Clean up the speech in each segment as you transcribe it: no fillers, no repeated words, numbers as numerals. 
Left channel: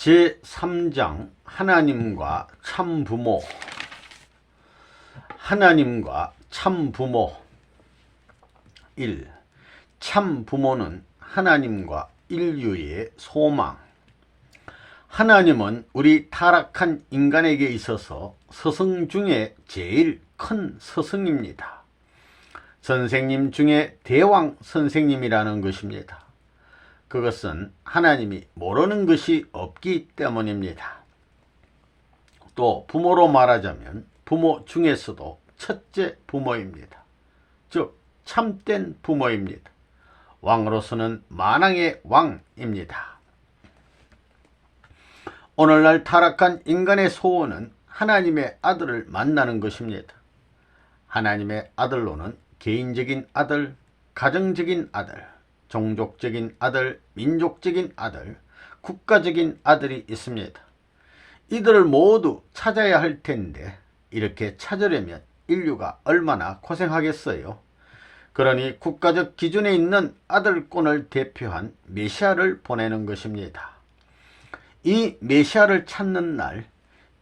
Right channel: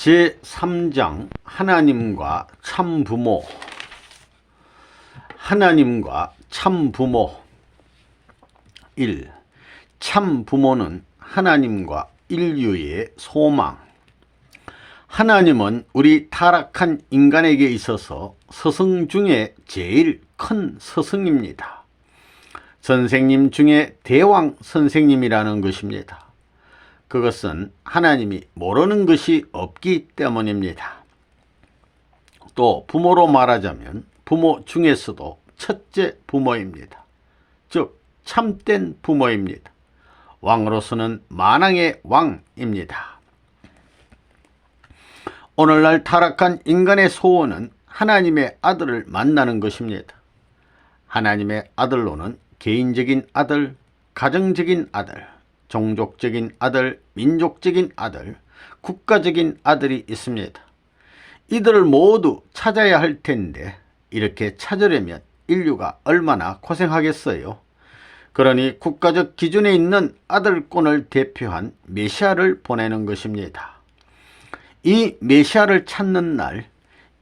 제3장 하나님과 참부모. 하나님과 참부모. 1. 참부모는 하나님과 인류의 소망. 하나님은 우리 타락한 인간에게 있어서 스승 중에 제일 큰 스승입니다. 선생님 중에 대왕 선생님이라는 것입니다. 그것은 하나님이 모르는 것이 없기 때문입니다. 또 부모로 말하자면 부모 중에서도 첫째 부모입니다. 즉 참된 부모입니다. 왕으로서는 만왕의 왕입니다. 오늘날 타락한 인간의 소원은 하나님의 아들을 만나는 것입니다. 하나님의 아들로는 개인적인 아들, 가정적인 아들, 종족적인 아들, 민족적인 아들, 국가적인 아들이 있습니다. 이들을 모두 찾아야 할 텐데 이렇게 찾으려면 인류가 얼마나 고생하겠어요. 그러니 국가적 기준에 있는 아들권을 대표한 메시아를 보내는 것입니다. 이 메시아를 찾는 날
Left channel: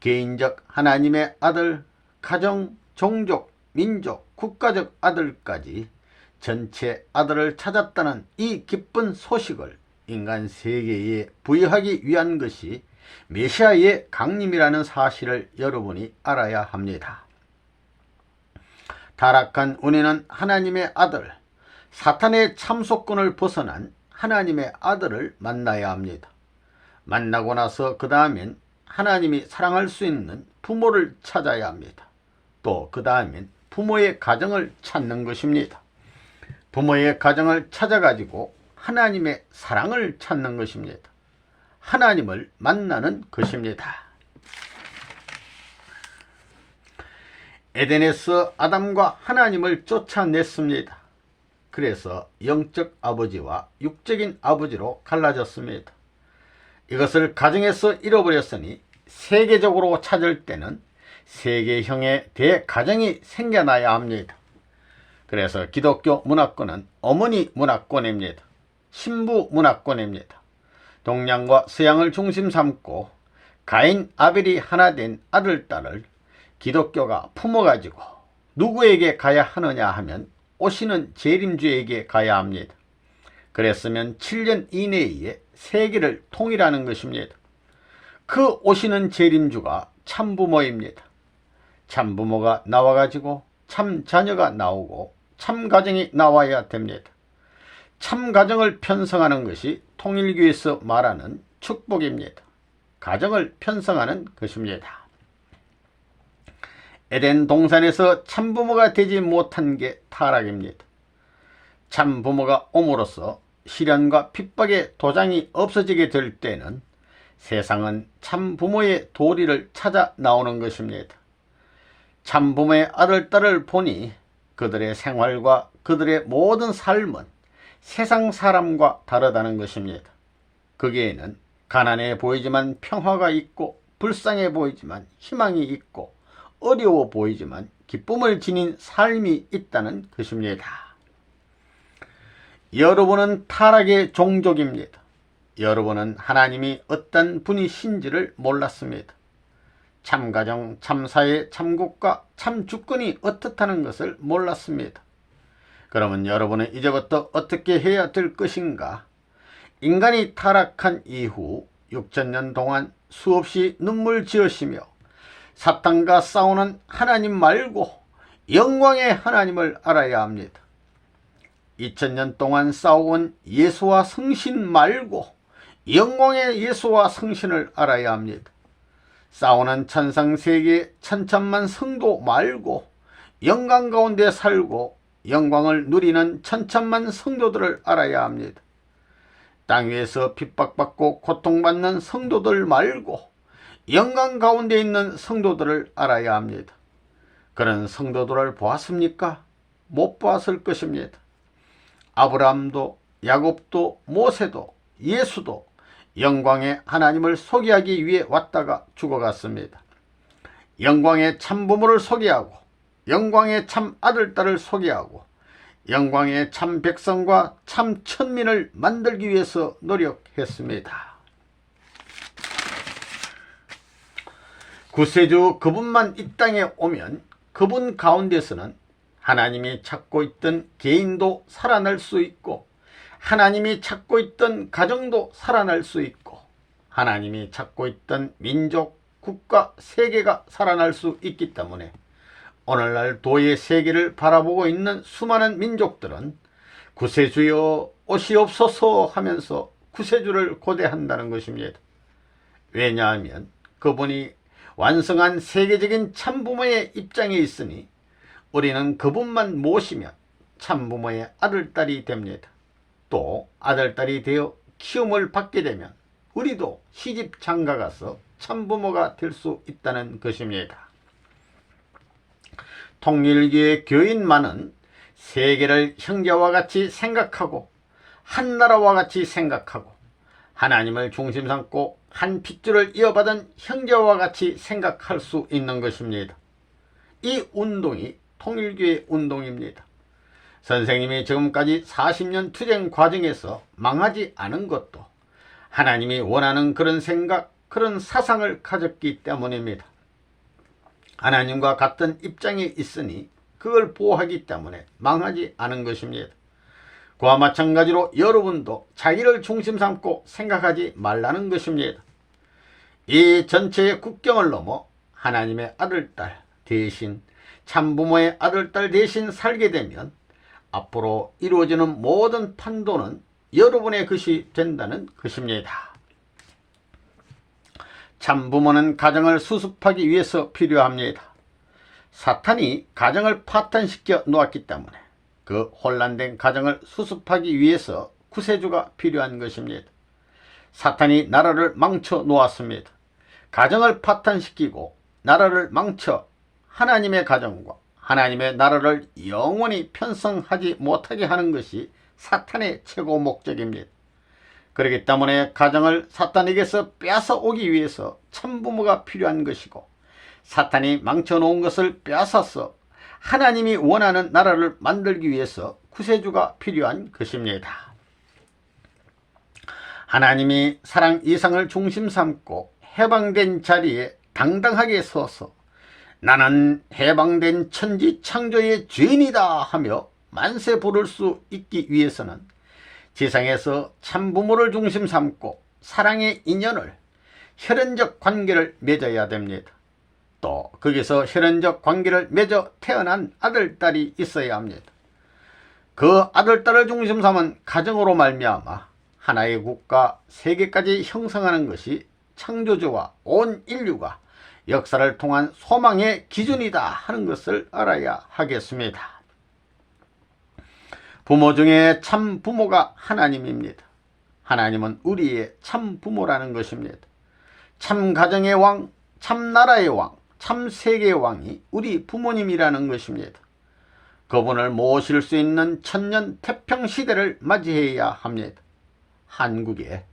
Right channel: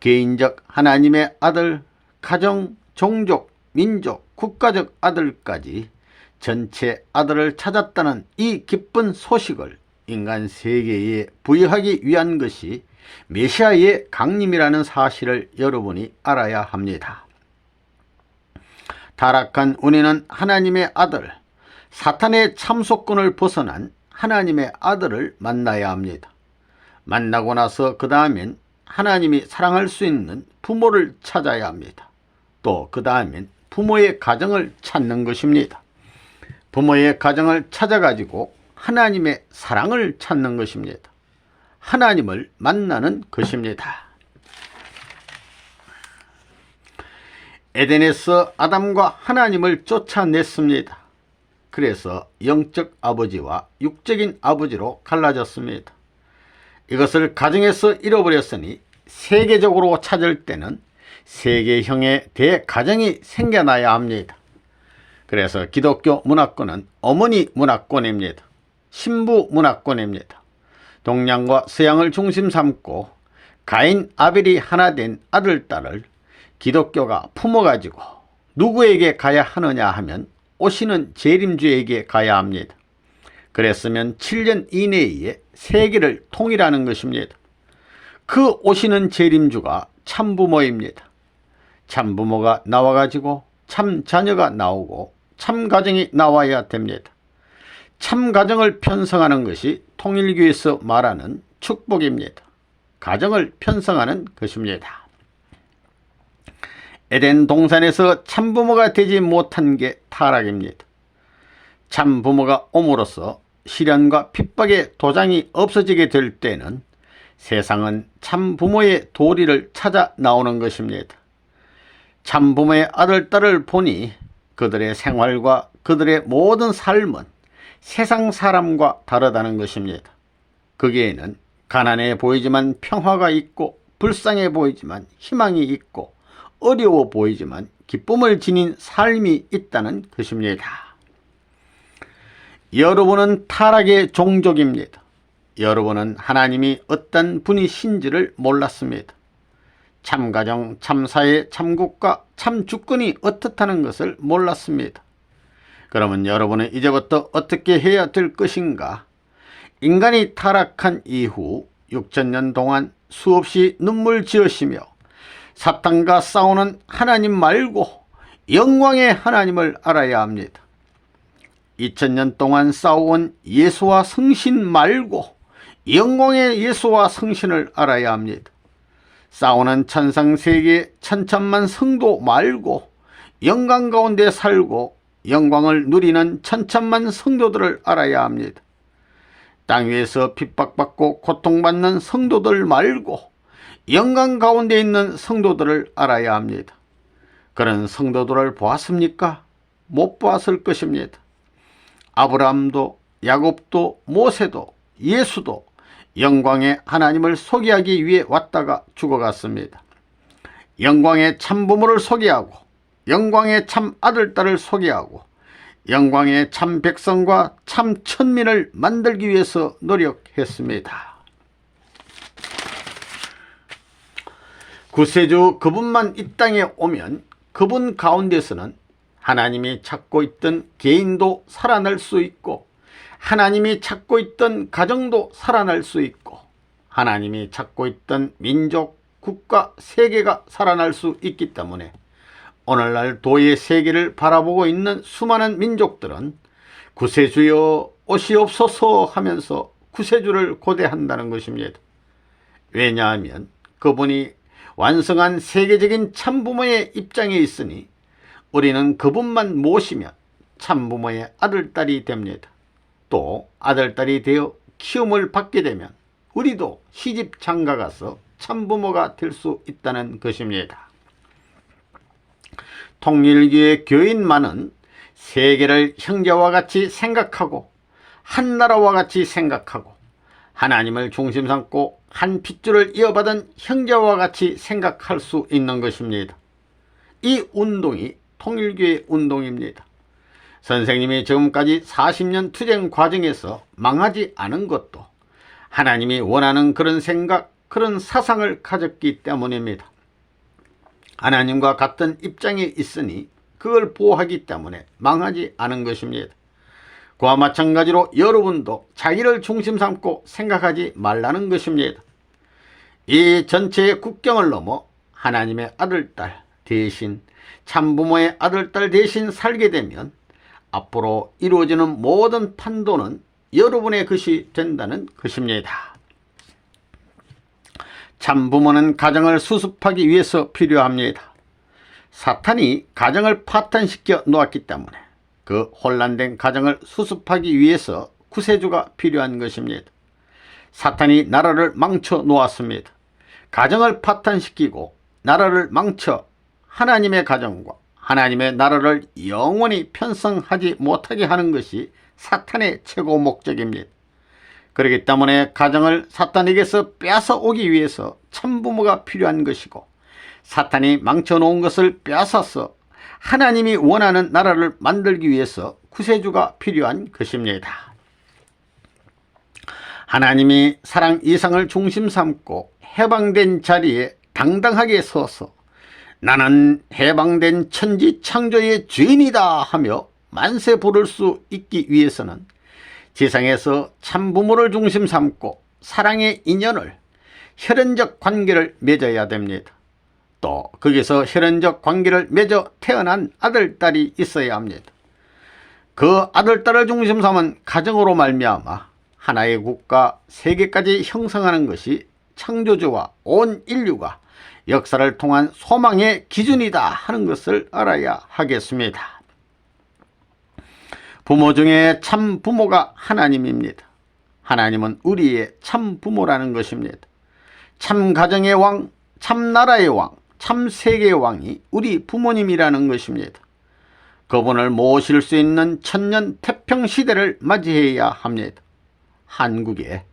개인적 하나님의 아들, 가정, 종족, 민족, 국가적 아들까지 전체 아들을 찾았다는 이 기쁜 소식을 인간 세계에 부여하기 위한 것이 메시아의 강림이라는 사실을 여러분이 알아야 합니다. 타락한 우리는 하나님의 아들, 사탄의 참소권을 벗어난 하나님의 아들을 만나야 합니다. 만나고 나서 그 다음엔 하나님이 사랑할 수 있는 부모를 찾아야 합니다. 또 그 다음엔 부모의 가정을 찾는 것입니다. 부모의 가정을 찾아가지고 하나님의 사랑을 찾는 것입니다. 하나님을 만나는 것입니다. 에덴에서 아담과 하나님을 쫓아냈습니다. 그래서 영적 아버지와 육적인 아버지로 갈라졌습니다. 이것을 가정에서 잃어버렸으니 세계적으로 찾을 때는 세계형의 대가정이 생겨나야 합니다. 그래서 기독교 문화권은 어머니 문화권입니다. 신부 문화권입니다. 동양과 서양을 중심 삼고 가인, 아벨이 하나 된 아들, 딸을 기독교가 품어가지고 누구에게 가야 하느냐 하면 오시는 재림주에게 가야 합니다. 그랬으면 7년 이내에 세계를 통일하는 것입니다. 그 오시는 재림주가 참부모입니다. 참부모가 나와가지고 참 자녀가 나오고 참 가정이 나와야 됩니다. 참 가정을 편성하는 것이 통일교에서 말하는 축복입니다. 가정을 편성하는 것입니다. 에덴 동산에서 참부모가 되지 못한 게 타락입니다. 참부모가 옴으로써 시련과 핍박의 도장이 없어지게 될 때는 세상은 참부모의 도리를 찾아 나오는 것입니다. 참부모의 아들, 딸을 보니 그들의 생활과 그들의 모든 삶은 세상 사람과 다르다는 것입니다. 거기에는 가난해 보이지만 평화가 있고 불쌍해 보이지만 희망이 있고 어려워 보이지만 기쁨을 지닌 삶이 있다는 것입니다. 여러분은 타락의 종족입니다. 여러분은 하나님이 어떤 분이신지를 몰랐습니다. 참가정, 참사회, 참국가, 참주권이 어떻다는 것을 몰랐습니다. 그러면 여러분은 이제부터 어떻게 해야 될 것인가? 인간이 타락한 이후 6천년 동안 수없이 눈물 지으시며 사탄과 싸우는 하나님 말고 영광의 하나님을 알아야 합니다. 2000년 동안 싸워온 예수와 성신 말고 영광의 예수와 성신을 알아야 합니다. 싸우는 천상세계 천천만 성도 말고 영광 가운데 살고 영광을 누리는 천천만 성도들을 알아야 합니다. 땅 위에서 핍박받고 고통받는 성도들 말고 영광 가운데 있는 성도들을 알아야 합니다. 그런 성도들을 보았습니까? 못 보았을 것입니다. 아브라함도 야곱도 모세도 예수도 영광의 하나님을 소개하기 위해 왔다가 죽어갔습니다. 영광의 참부모를 소개하고 영광의 참 아들, 딸을 소개하고 영광의 참 백성과 참 천민을 만들기 위해서 노력했습니다. 구세주 그분만 이 땅에 오면 그분 가운데서는 하나님이 찾고 있던 개인도 살아날 수 있고, 하나님이 찾고 있던 가정도 살아날 수 있고, 하나님이 찾고 있던 민족, 국가, 세계가 살아날 수 있기 때문에 오늘날 도의 세계를 바라보고 있는 수많은 민족들은 구세주여 오시옵소서 하면서 구세주를 고대한다는 것입니다. 왜냐하면 그분이 완성한 세계적인 참부모의 입장에 있으니 우리는 그분만 모시면 참부모의 아들딸이 됩니다. 또 아들딸이 되어 키움을 받게 되면 우리도 시집 장가가서 참부모가 될 수 있다는 것입니다. 통일교의 교인만은 세계를 형제와 같이 생각하고 한나라와 같이 생각하고 하나님을 중심 삼고 한 핏줄을 이어받은 형제와 같이 생각할 수 있는 것입니다. 이 운동이 통일교의 운동입니다. 선생님이 지금까지 40년 투쟁 과정에서 망하지 않은 것도 하나님이 원하는 그런 생각, 그런 사상을 가졌기 때문입니다. 하나님과 같은 입장에 있으니 그걸 보호하기 때문에 망하지 않은 것입니다. 그와 마찬가지로 여러분도 자기를 중심 삼고 생각하지 말라는 것입니다. 이 전체의 국경을 넘어 하나님의 아들딸 대신, 참부모의 아들딸 대신 살게 되면 앞으로 이루어지는 모든 판도는 여러분의 것이 된다는 것입니다. 참부모는 가정을 수습하기 위해서 필요합니다. 사탄이 가정을 파탄시켜 놓았기 때문에 그 혼란된 가정을 수습하기 위해서 구세주가 필요한 것입니다. 사탄이 나라를 망쳐 놓았습니다. 가정을 파탄시키고 나라를 망쳐 하나님의 가정과 하나님의 나라를 영원히 편성하지 못하게 하는 것이 사탄의 최고 목적입니다. 그렇기 때문에 가정을 사탄에게서 뺏어오기 위해서 참부모가 필요한 것이고, 사탄이 망쳐놓은 것을 빼앗아서 하나님이 원하는 나라를 만들기 위해서 구세주가 필요한 것입니다. 하나님이 사랑 이상을 중심 삼고 해방된 자리에 당당하게 서서 나는 해방된 천지 창조의 주인이다 하며 만세 부를 수 있기 위해서는 지상에서 참부모를 중심 삼고 사랑의 인연을, 혈연적 관계를 맺어야 됩니다. 또 거기서 혈연적 관계를 맺어 태어난 아들딸이 있어야 합니다. 그 아들딸을 중심 삼은 가정으로 말미암아 하나의 국가, 세계까지 형성하는 것이 창조주와 온 인류가 역사를 통한 소망의 기준이다 하는 것을 알아야 하겠습니다. 부모 중에 참 부모가 하나님입니다. 하나님은 우리의 참 부모라는 것입니다. 참 가정의 왕, 참 나라의 왕, 참 세계의 왕이 우리 부모님이라는 것입니다. 그분을 모실 수 있는 천년 태평시대를 맞이해야 합니다. 한국에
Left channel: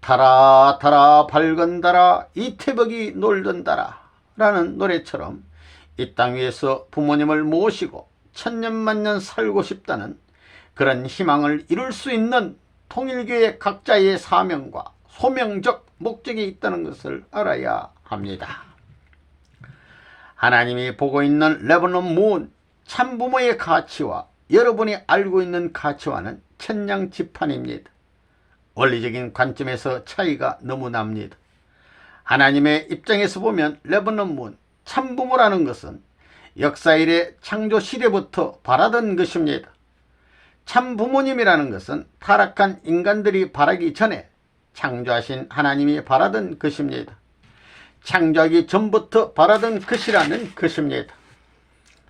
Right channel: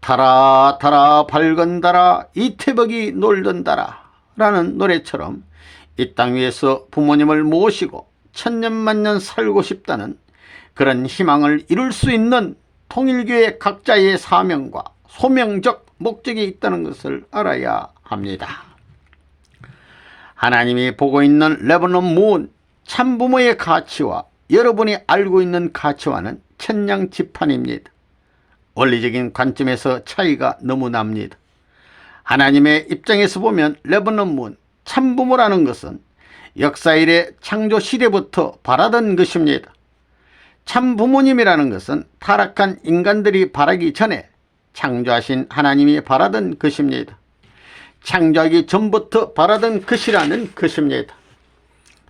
달아 달아 밝은 달아 이태벅이 놀던 달아 라는 노래처럼 이 땅 위에서 부모님을 모시고 천년만년 살고 싶다는 그런 희망을 이룰 수 있는 통일교의 각자의 사명과 소명적 목적이 있다는 것을 알아야 합니다. 하나님이 보고 있는 레바논 문 참부모의 가치와 여러분이 알고 있는 가치와는 천냥지판입니다. 원리적인 관점에서 차이가 너무 납니다. 하나님의 입장에서 보면 레바논 문 참부모라는 것은 역사 이래 창조 시대부터 바라던 것입니다. 참부모님이라는 것은 타락한 인간들이 바라기 전에 창조하신 하나님이 바라던 것입니다. 창조하기 전부터 바라던 것이라는 것입니다.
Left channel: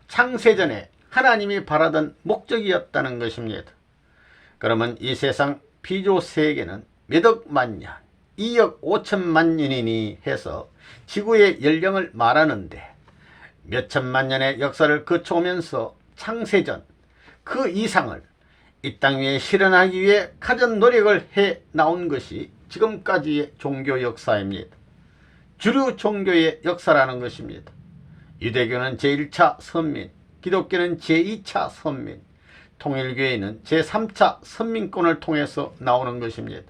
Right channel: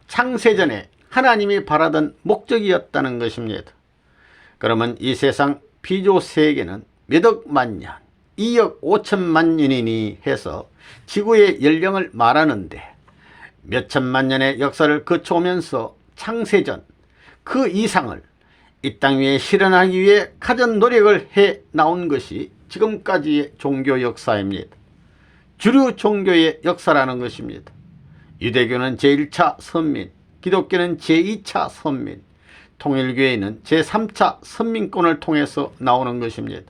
창세전에 하나님이 바라던 목적이었다는 것입니다. 그러면 이 세상 피조 세계는 몇억 만년, 2억 5천만 년이니 해서 지구의 연령을 말하는데 몇천만 년의 역사를 거쳐오면서 창세전 그 이상을 이 땅 위에 실현하기 위해 가진 노력을 해 나온 것이 지금까지의 종교 역사입니다. 주류 종교의 역사라는 것입니다. 유대교는 제1차 선민, 기독교는 제2차 선민, 통일교회는 제3차 선민권을 통해서 나오는 것입니다.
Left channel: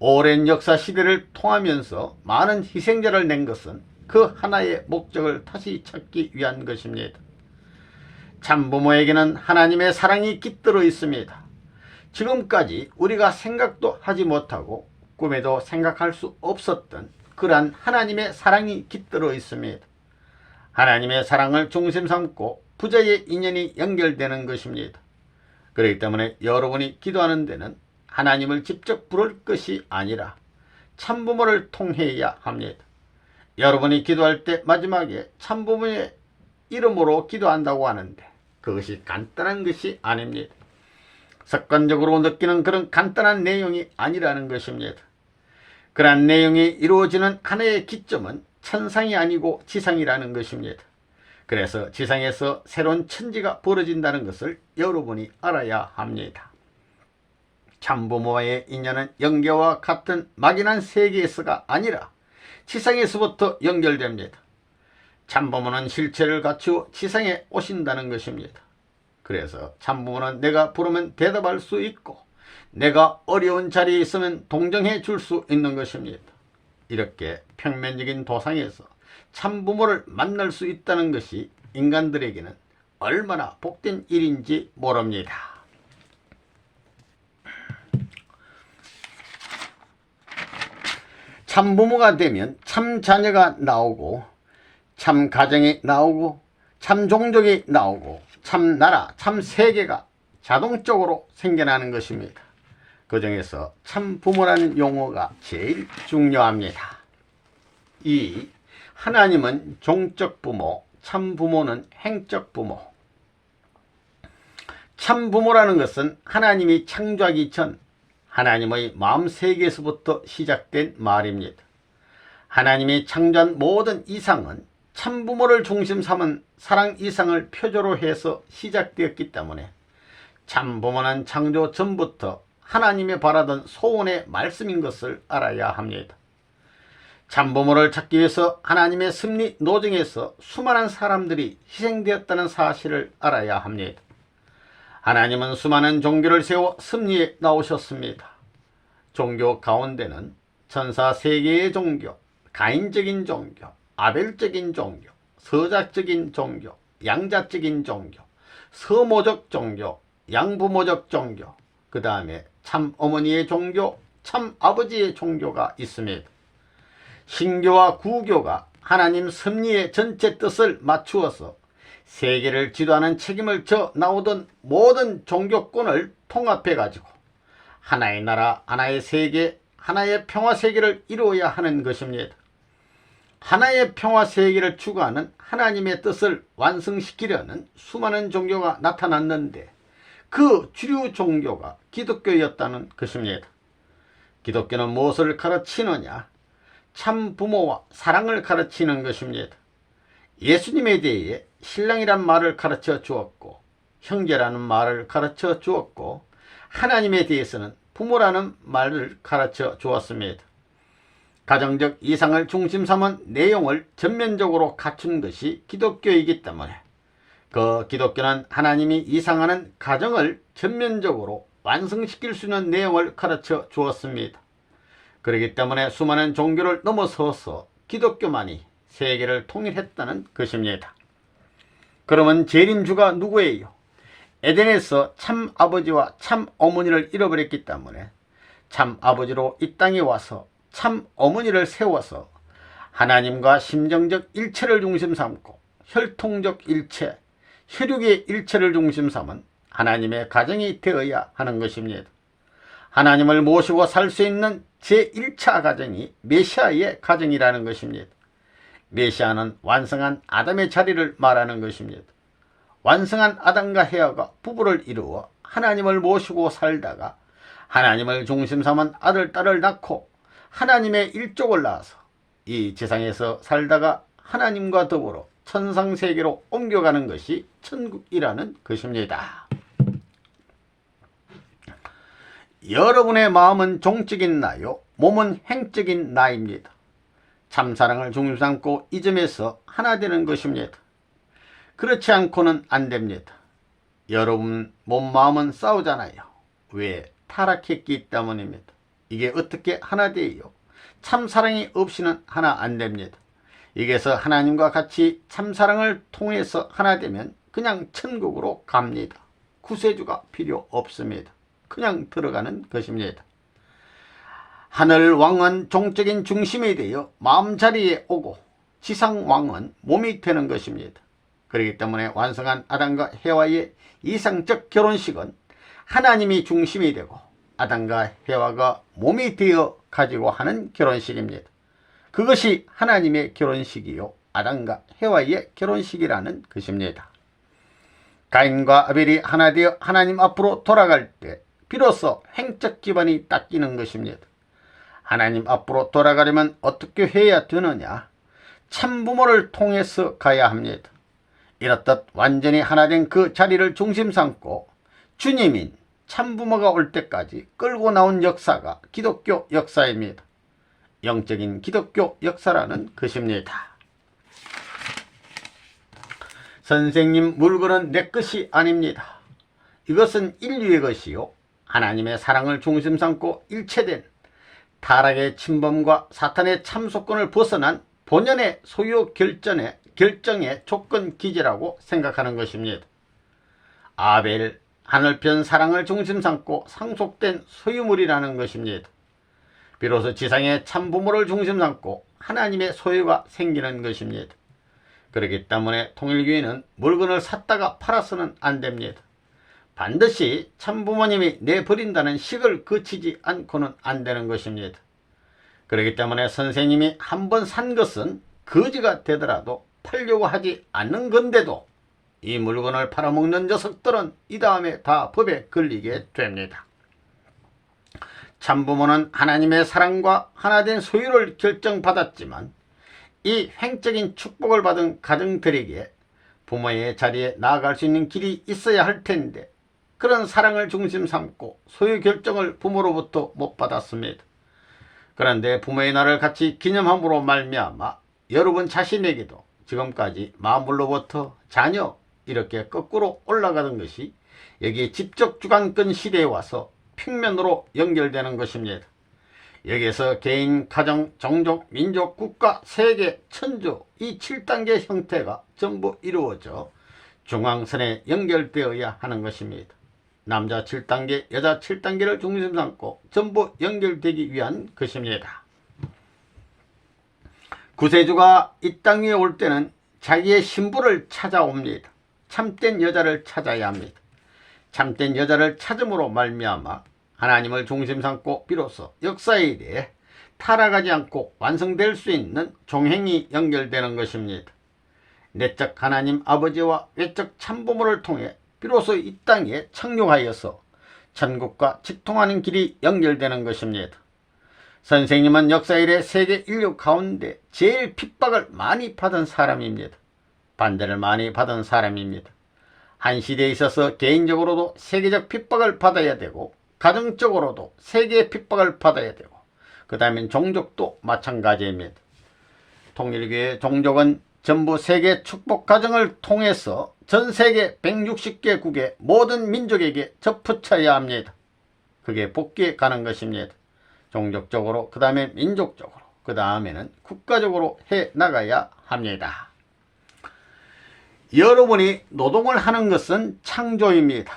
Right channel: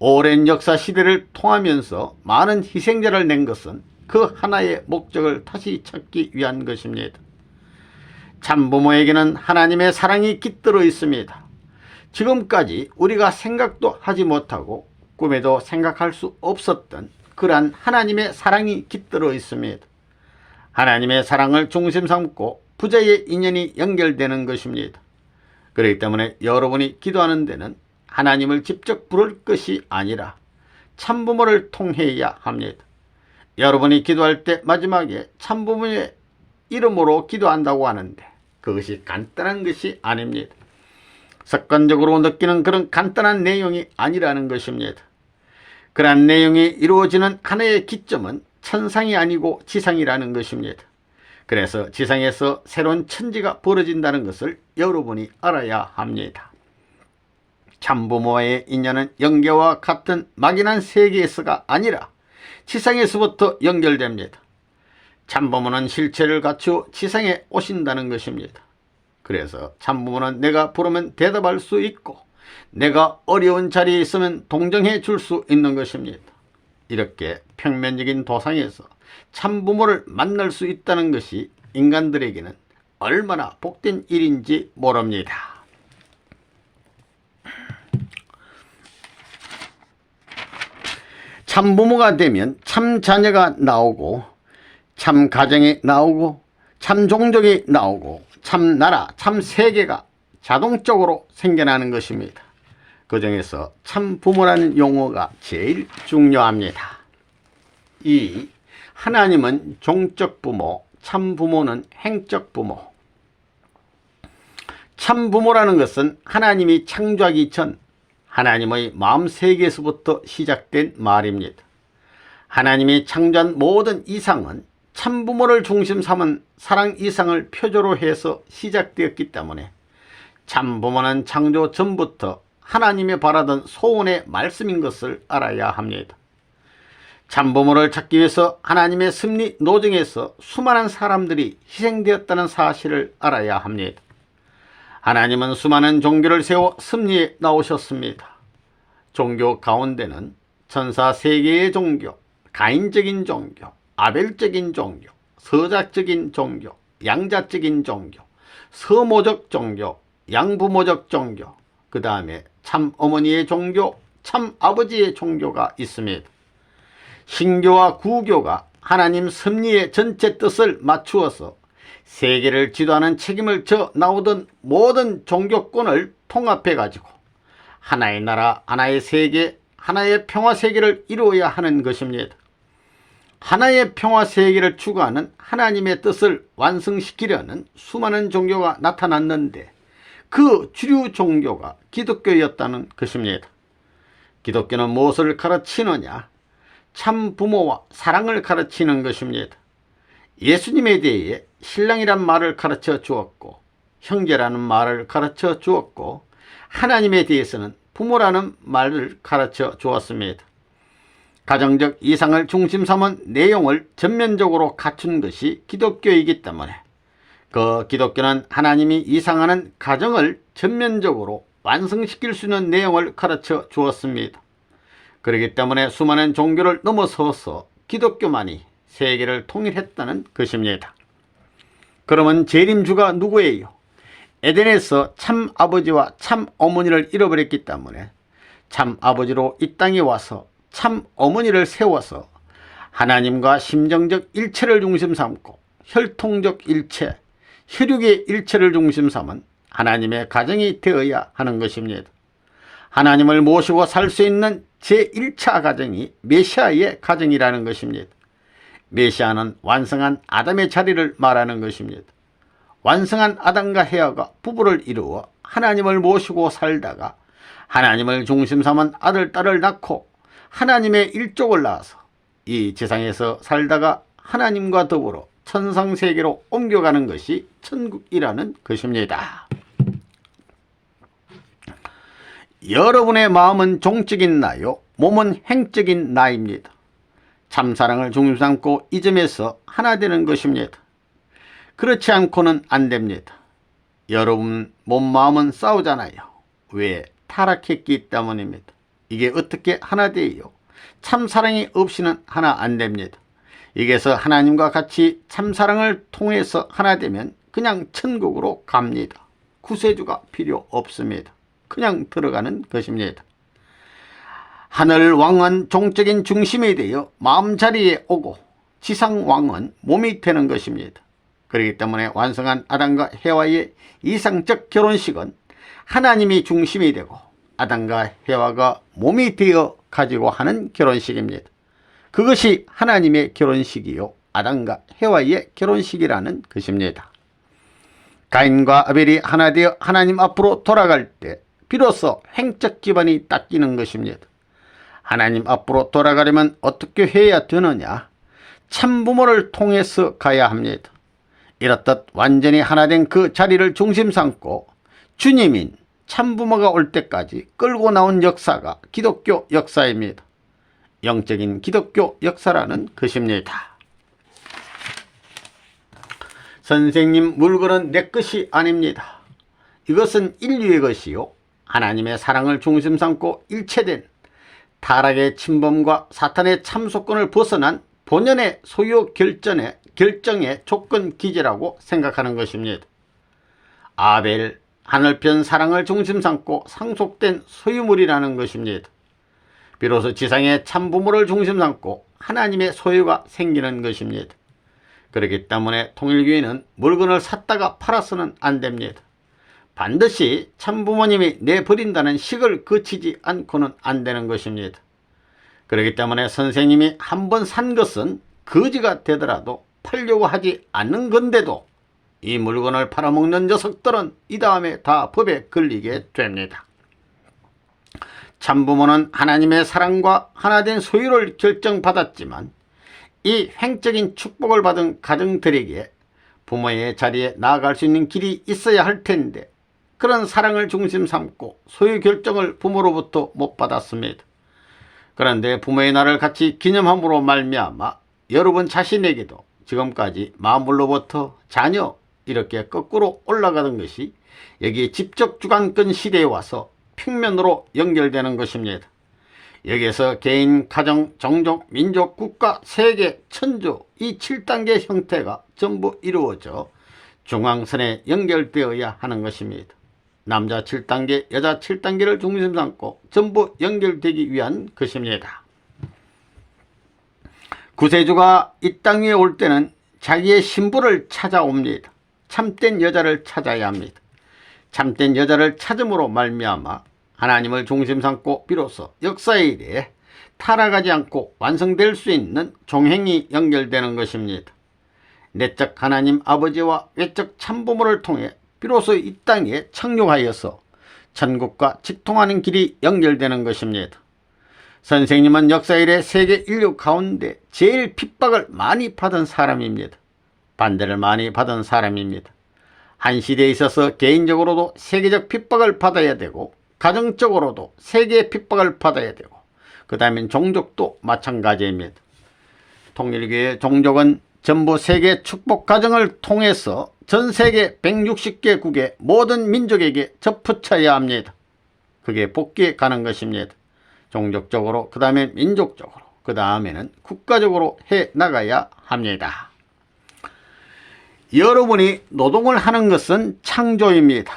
오랜 역사 시대를 통하면서 많은 희생자를 낸 것은 그 하나의 목적을 다시 찾기 위한 것입니다. 참부모에게는 하나님의 사랑이 깃들어 있습니다. 지금까지 우리가 생각도 하지 못하고 꿈에도 생각할 수 없었던 그러한 하나님의 사랑이 깃들어 있습니다. 하나님의 사랑을 중심 삼고 부자의 인연이 연결되는 것입니다. 그렇기 때문에 여러분이 기도하는 데는 하나님을 직접 부를 것이 아니라 참부모를 통해야 합니다. 여러분이 기도할 때 마지막에 참부모의 이름으로 기도한다고 하는데 그것이 간단한 것이 아닙니다. 습관적으로 느끼는 그런 간단한 내용이 아니라는 것입니다. 그러한 내용이 이루어지는 하나의 기점은 천상이 아니고 지상이라는 것입니다. 그래서 지상에서 새로운 천지가 벌어진다는 것을 여러분이 알아야 합니다. 참부모와의 인연은 영계와 같은 막연한 세계에서가 아니라 지상에서부터 연결됩니다. 참부모는 실체를 갖추어 지상에 오신다는 것입니다. 그래서 참부모는 내가 부르면 대답할 수 있고 내가 어려운 자리에 있으면 동정해 줄 수 있는 것입니다. 이렇게 평면적인 도상에서 참부모를 만날 수 있다는 것이 인간들에게는 얼마나 복된 일인지 모릅니다. 참부모가 되면 참 자녀가 나오고 참 가정이 나오고 참 종족이 나오고 참 나라, 참 세계가 자동적으로 생겨나는 것입니다. 그 중에서 참부모라는 용어가 제일 중요합니다. 이 하나님은 종적 부모, 참부모는 행적 부모. 참부모라는 것은 하나님이 창조하기 전 하나님의 마음세계에서부터 시작된 말입니다. 하나님이 창조한 모든 이상은 참부모를 중심 삼은 사랑 이상을 표조로 해서 시작되었기 때문에 참부모는 창조 전부터 하나님이 바라던 소원의 말씀인 것을 알아야 합니다. 참부모를 찾기 위해서 하나님의 섭리 노정에서 수많은 사람들이 희생되었다는 사실을 알아야 합니다. 하나님은 수많은 종교를 세워 섭리에 나오셨습니다. 종교 가운데는 천사 세계의 종교, 가인적인 종교, 아벨적인 종교, 서자적인 종교, 양자적인 종교, 서모적 종교, 양부모적 종교, 그 다음에 참어머니의 종교, 참아버지의 종교가 있습니다. 신교와 구교가 하나님 섭리의 전체 뜻을 맞추어서 세계를 지도하는 책임을 져 나오던 모든 종교권을 통합해 가지고 하나의 나라, 하나의 세계, 하나의 평화세계를 이루어야 하는 것입니다. 하나의 평화세계를 추구하는 하나님의 뜻을 완성시키려는 수많은 종교가 나타났는데 그 주류 종교가 기독교였다는 것입니다. 기독교는 무엇을 가르치느냐? 참 부모와 사랑을 가르치는 것입니다. 예수님에 대해 신랑이란 말을 가르쳐 주었고 형제라는 말을 가르쳐 주었고 하나님에 대해서는 부모라는 말을 가르쳐 주었습니다. 가정적 이상을 중심 삼은 내용을 전면적으로 갖춘 것이 기독교이기 때문에 그 기독교는 하나님이 이상하는 가정을 전면적으로 완성시킬 수 있는 내용을 가르쳐 주었습니다. 그렇기 때문에 수많은 종교를 넘어서서 기독교만이 세계를 통일했다는 것입니다. 그러면 재림주가 누구예요? 에덴에서 참 아버지와 참 어머니를 잃어버렸기 때문에 참 아버지로 이 땅에 와서 참 어머니를 세워서 하나님과 심정적 일체를 중심 삼고 혈통적 일체, 혈육의 일체를 중심 삼은 하나님의 가정이 되어야 하는 것입니다. 하나님을 모시고 살 수 있는 제1차 가정이 메시아의 가정이라는 것입니다. 메시아는 완성한 아담의 자리를 말하는 것입니다. 완성한 아담과 헤아가 부부를 이루어 하나님을 모시고 살다가 하나님을 중심 삼은 아들, 딸을 낳고 하나님의 일족을 낳아서 이 세상에서 살다가 하나님과 더불어 천상세계로 옮겨가는 것이 천국이라는 것입니다. 여러분의 마음은 종적인 나요, 몸은 행적인 나입니다. 참사랑을 중심 삼고 이 점에서 하나 되는 것입니다. 그렇지 않고는 안 됩니다. 여러분 몸 마음은 싸우잖아요. 왜? 타락했기 때문입니다. 이게 어떻게 하나 돼요? 참사랑이 없이는 하나 안 됩니다. 여기서 하나님과 같이 참사랑을 통해서 하나 되면 그냥 천국으로 갑니다. 구세주가 필요 없습니다. 그냥 들어가는 것입니다. 하늘 왕은 종적인 중심이 되어 마음 자리에 오고 지상 왕은 몸이 되는 것입니다. 그렇기 때문에 완성한 아담과 해와의 이상적 결혼식은 하나님이 중심이 되고 아담과 해와가 몸이 되어 가지고 하는 결혼식입니다. 그것이 하나님의 결혼식이요 아담과 해와의 결혼식이라는 것입니다. 가인과 아벨이 하나 되어 하나님 앞으로 돌아갈 때 비로소 행적 기반이 닦이는 것입니다. 하나님 앞으로 돌아가려면 어떻게 해야 되느냐? 참부모를 통해서 가야 합니다. 이렇듯 완전히 하나 된 그 자리를 중심 삼고 주님인 참부모가 올 때까지 끌고 나온 역사가 기독교 역사입니다. 영적인 기독교 역사라는 것입니다. 선생님, 물건은 내 것이 아닙니다. 이것은 인류의 것이요 하나님의 사랑을 중심 삼고 일체된 타락의 침범과 사탄의 참소권을 벗어난 본연의 소유 결정의 조건 기제라고 생각하는 것입니다. 아벨, 하늘편 사랑을 중심 삼고 상속된 소유물이라는 것입니다. 비로소 지상의 참부모를 중심 삼고 하나님의 소유가 생기는 것입니다. 그렇기 때문에 통일교회는 물건을 샀다가 팔아서는 안 됩니다. 반드시 참부모님이 내버린다는 식을 거치지 않고는 안 되는 것입니다. 그렇기 때문에 선생님이 한번 산 것은 거지가 되더라도 팔려고 하지 않는 건데도 이 물건을 팔아먹는 녀석들은 이 다음에 다 법에 걸리게 됩니다. 참부모는 하나님의 사랑과 하나된 소유를 결정받았지만 이 횡적인 축복을 받은 가정들에게 부모의 자리에 나아갈 수 있는 길이 있어야 할 텐데 그런 사랑을 중심 삼고 소유 결정을 부모로부터 못 받았습니다. 그런데 부모의 날을 같이 기념함으로 말미암아 여러분 자신에게도 지금까지 마음으로부터 자녀 이렇게 거꾸로 올라가던 것이 여기에 직접 주관권 시대에 와서 평면으로 연결되는 것입니다. 여기에서 개인, 가정, 종족, 민족, 국가, 세계, 천주 이 7단계 형태가 전부 이루어져 중앙선에 연결되어야 하는 것입니다. 남자 7단계, 여자 7단계를 중심 삼고 전부 연결되기 위한 것입니다. 구세주가 이 땅 위에 올 때는 자기의 신부를 찾아옵니다. 참된 여자를 찾아야 합니다. 참된 여자를 찾음으로 말미암아 하나님을 중심 삼고 비로소 역사에 대해 타락하지 않고 완성될 수 있는 종행이 연결되는 것입니다. 내적 하나님 아버지와 외적 참부모를 통해 비로소 이 땅에 착륙하여서 천국과 직통하는 길이 연결되는 것입니다. 선생님은 역사 이래 세계 인류 가운데 제일 핍박을 많이 받은 사람입니다. 반대를 많이 받은 사람입니다. 한 시대에 있어서 개인적으로도 세계적 핍박을 받아야 되고 가정적으로도 세계의 핍박을 받아야 되고 그 다음엔 종족도 마찬가지입니다. 통일교의 종족은 전부 세계 축복 과정을 통해서 전 세계 160개국의 모든 민족에게 접붙여야 합니다. 그게 복귀에 가는 것입니다. 종족적으로, 그 다음에 민족적으로, 그 다음에는 국가적으로 해 나가야 합니다. 여러분이 노동을 하는 것은 창조입니다.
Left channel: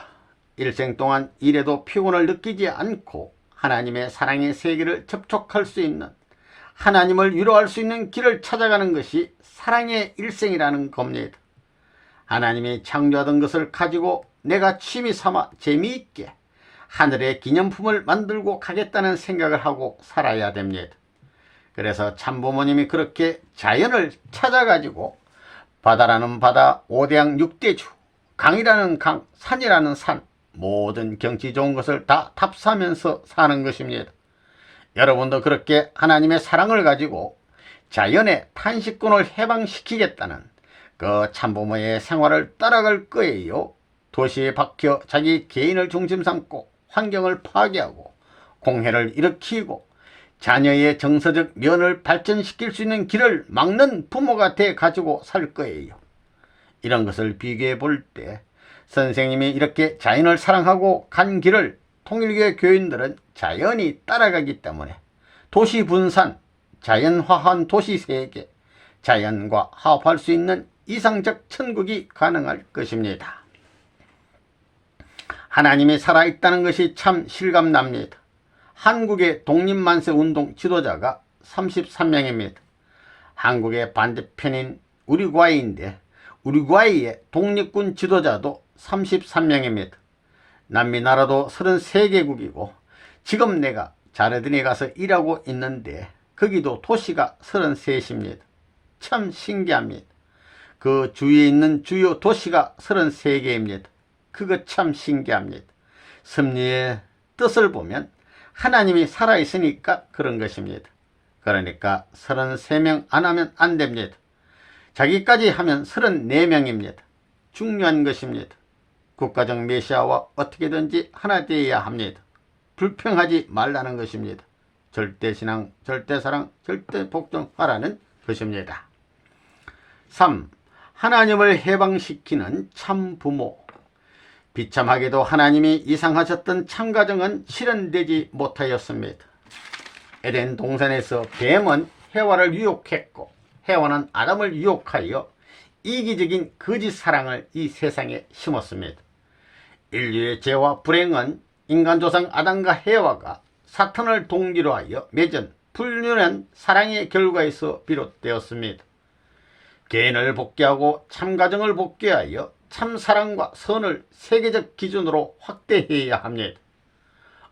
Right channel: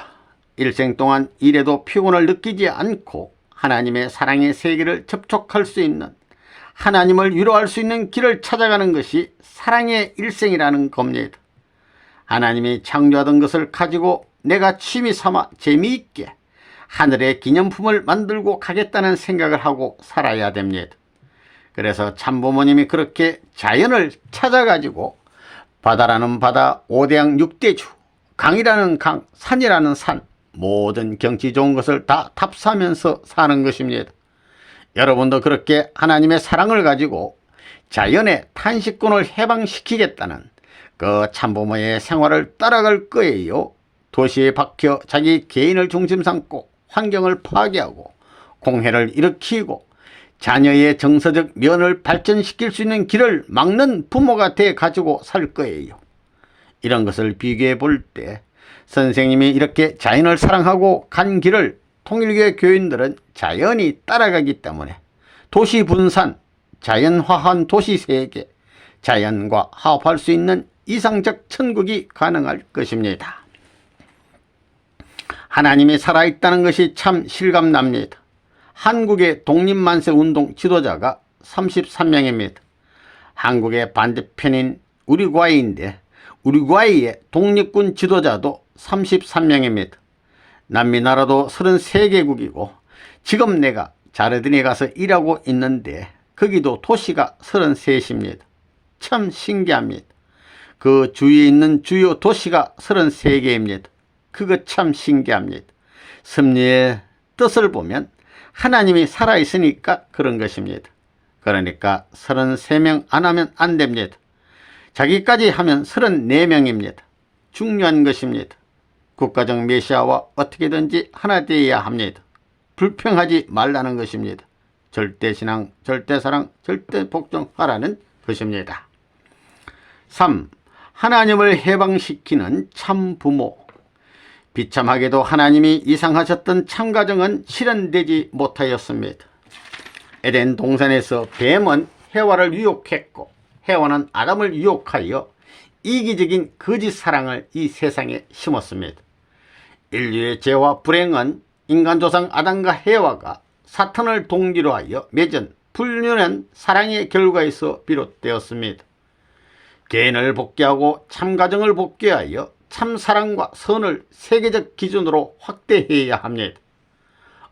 일생 동안 일해도 피곤을 느끼지 않고 하나님의 사랑의 세계를 접촉할 수 있는, 하나님을 위로할 수 있는 길을 찾아가는 것이 사랑의 일생이라는 겁니다. 하나님이 창조하던 것을 가지고 내가 취미 삼아 재미있게 하늘의 기념품을 만들고 가겠다는 생각을 하고 살아야 됩니다. 그래서 참부모님이 그렇게 자연을 찾아가지고 바다라는 바다, 오대양 육대주, 강이라는 강, 산이라는 산, 모든 경치 좋은 것을 다 탑사하면서 사는 것입니다. 여러분도 그렇게 하나님의 사랑을 가지고 자연의 탄식권을 해방시키겠다는 그 참부모의 생활을 따라갈 거예요. 도시에 박혀 자기 개인을 중심 삼고 환경을 파괴하고 공해를 일으키고 자녀의 정서적 면을 발전시킬 수 있는 길을 막는 부모가 돼 가지고 살 거예요. 이런 것을 비교해 볼 때 선생님이 이렇게 자연을 사랑하고 간 길을 통일교회 교인들은 자연히 따라가기 때문에 도시 분산, 자연화한 도시 세계, 자연과 화합할 수 있는 이상적 천국이 가능할 것입니다. 하나님이 살아있다는 것이 참 실감납니다. 한국의 독립만세운동 지도자가 33명입니다. 한국의 반대편인 우루과이인데 우루과이의 독립군 지도자도 33명입니다. 남미 나라도 33개국이고 지금 내가 자르딘에 가서 일하고 있는데 거기도 도시가 33입니다. 참 신기합니다. 그 주위에 있는 주요 도시가 33개입니다. 그거 참 신기합니다. 섭리의 뜻을 보면 하나님이 살아있으니까 그런 것입니다. 그러니까 33명 안 하면 안 됩니다. 자기까지 하면 34명입니다. 중요한 것입니다. 국가적 메시아와 어떻게든지 하나 되어야 합니다. 불평하지 말라는 것입니다. 절대신앙, 절대사랑, 절대복종하라는 것입니다. 3. 하나님을 해방시키는 참부모. 비참하게도 하나님이 이상하셨던 참가정은 실현되지 못하였습니다. 에덴 동산에서 뱀은 해와를 유혹했고 해와는 아담을 유혹하여 이기적인 거짓 사랑을 이 세상에 심었습니다. 인류의 죄와 불행은 인간 조상 아담과 해와가 사탄을 동기로 하여 맺은 불륜한 사랑의 결과에서 비롯되었습니다. 개인을 복귀하고 참가정을 복귀하여 참사랑과 선을 세계적 기준으로 확대해야 합니다.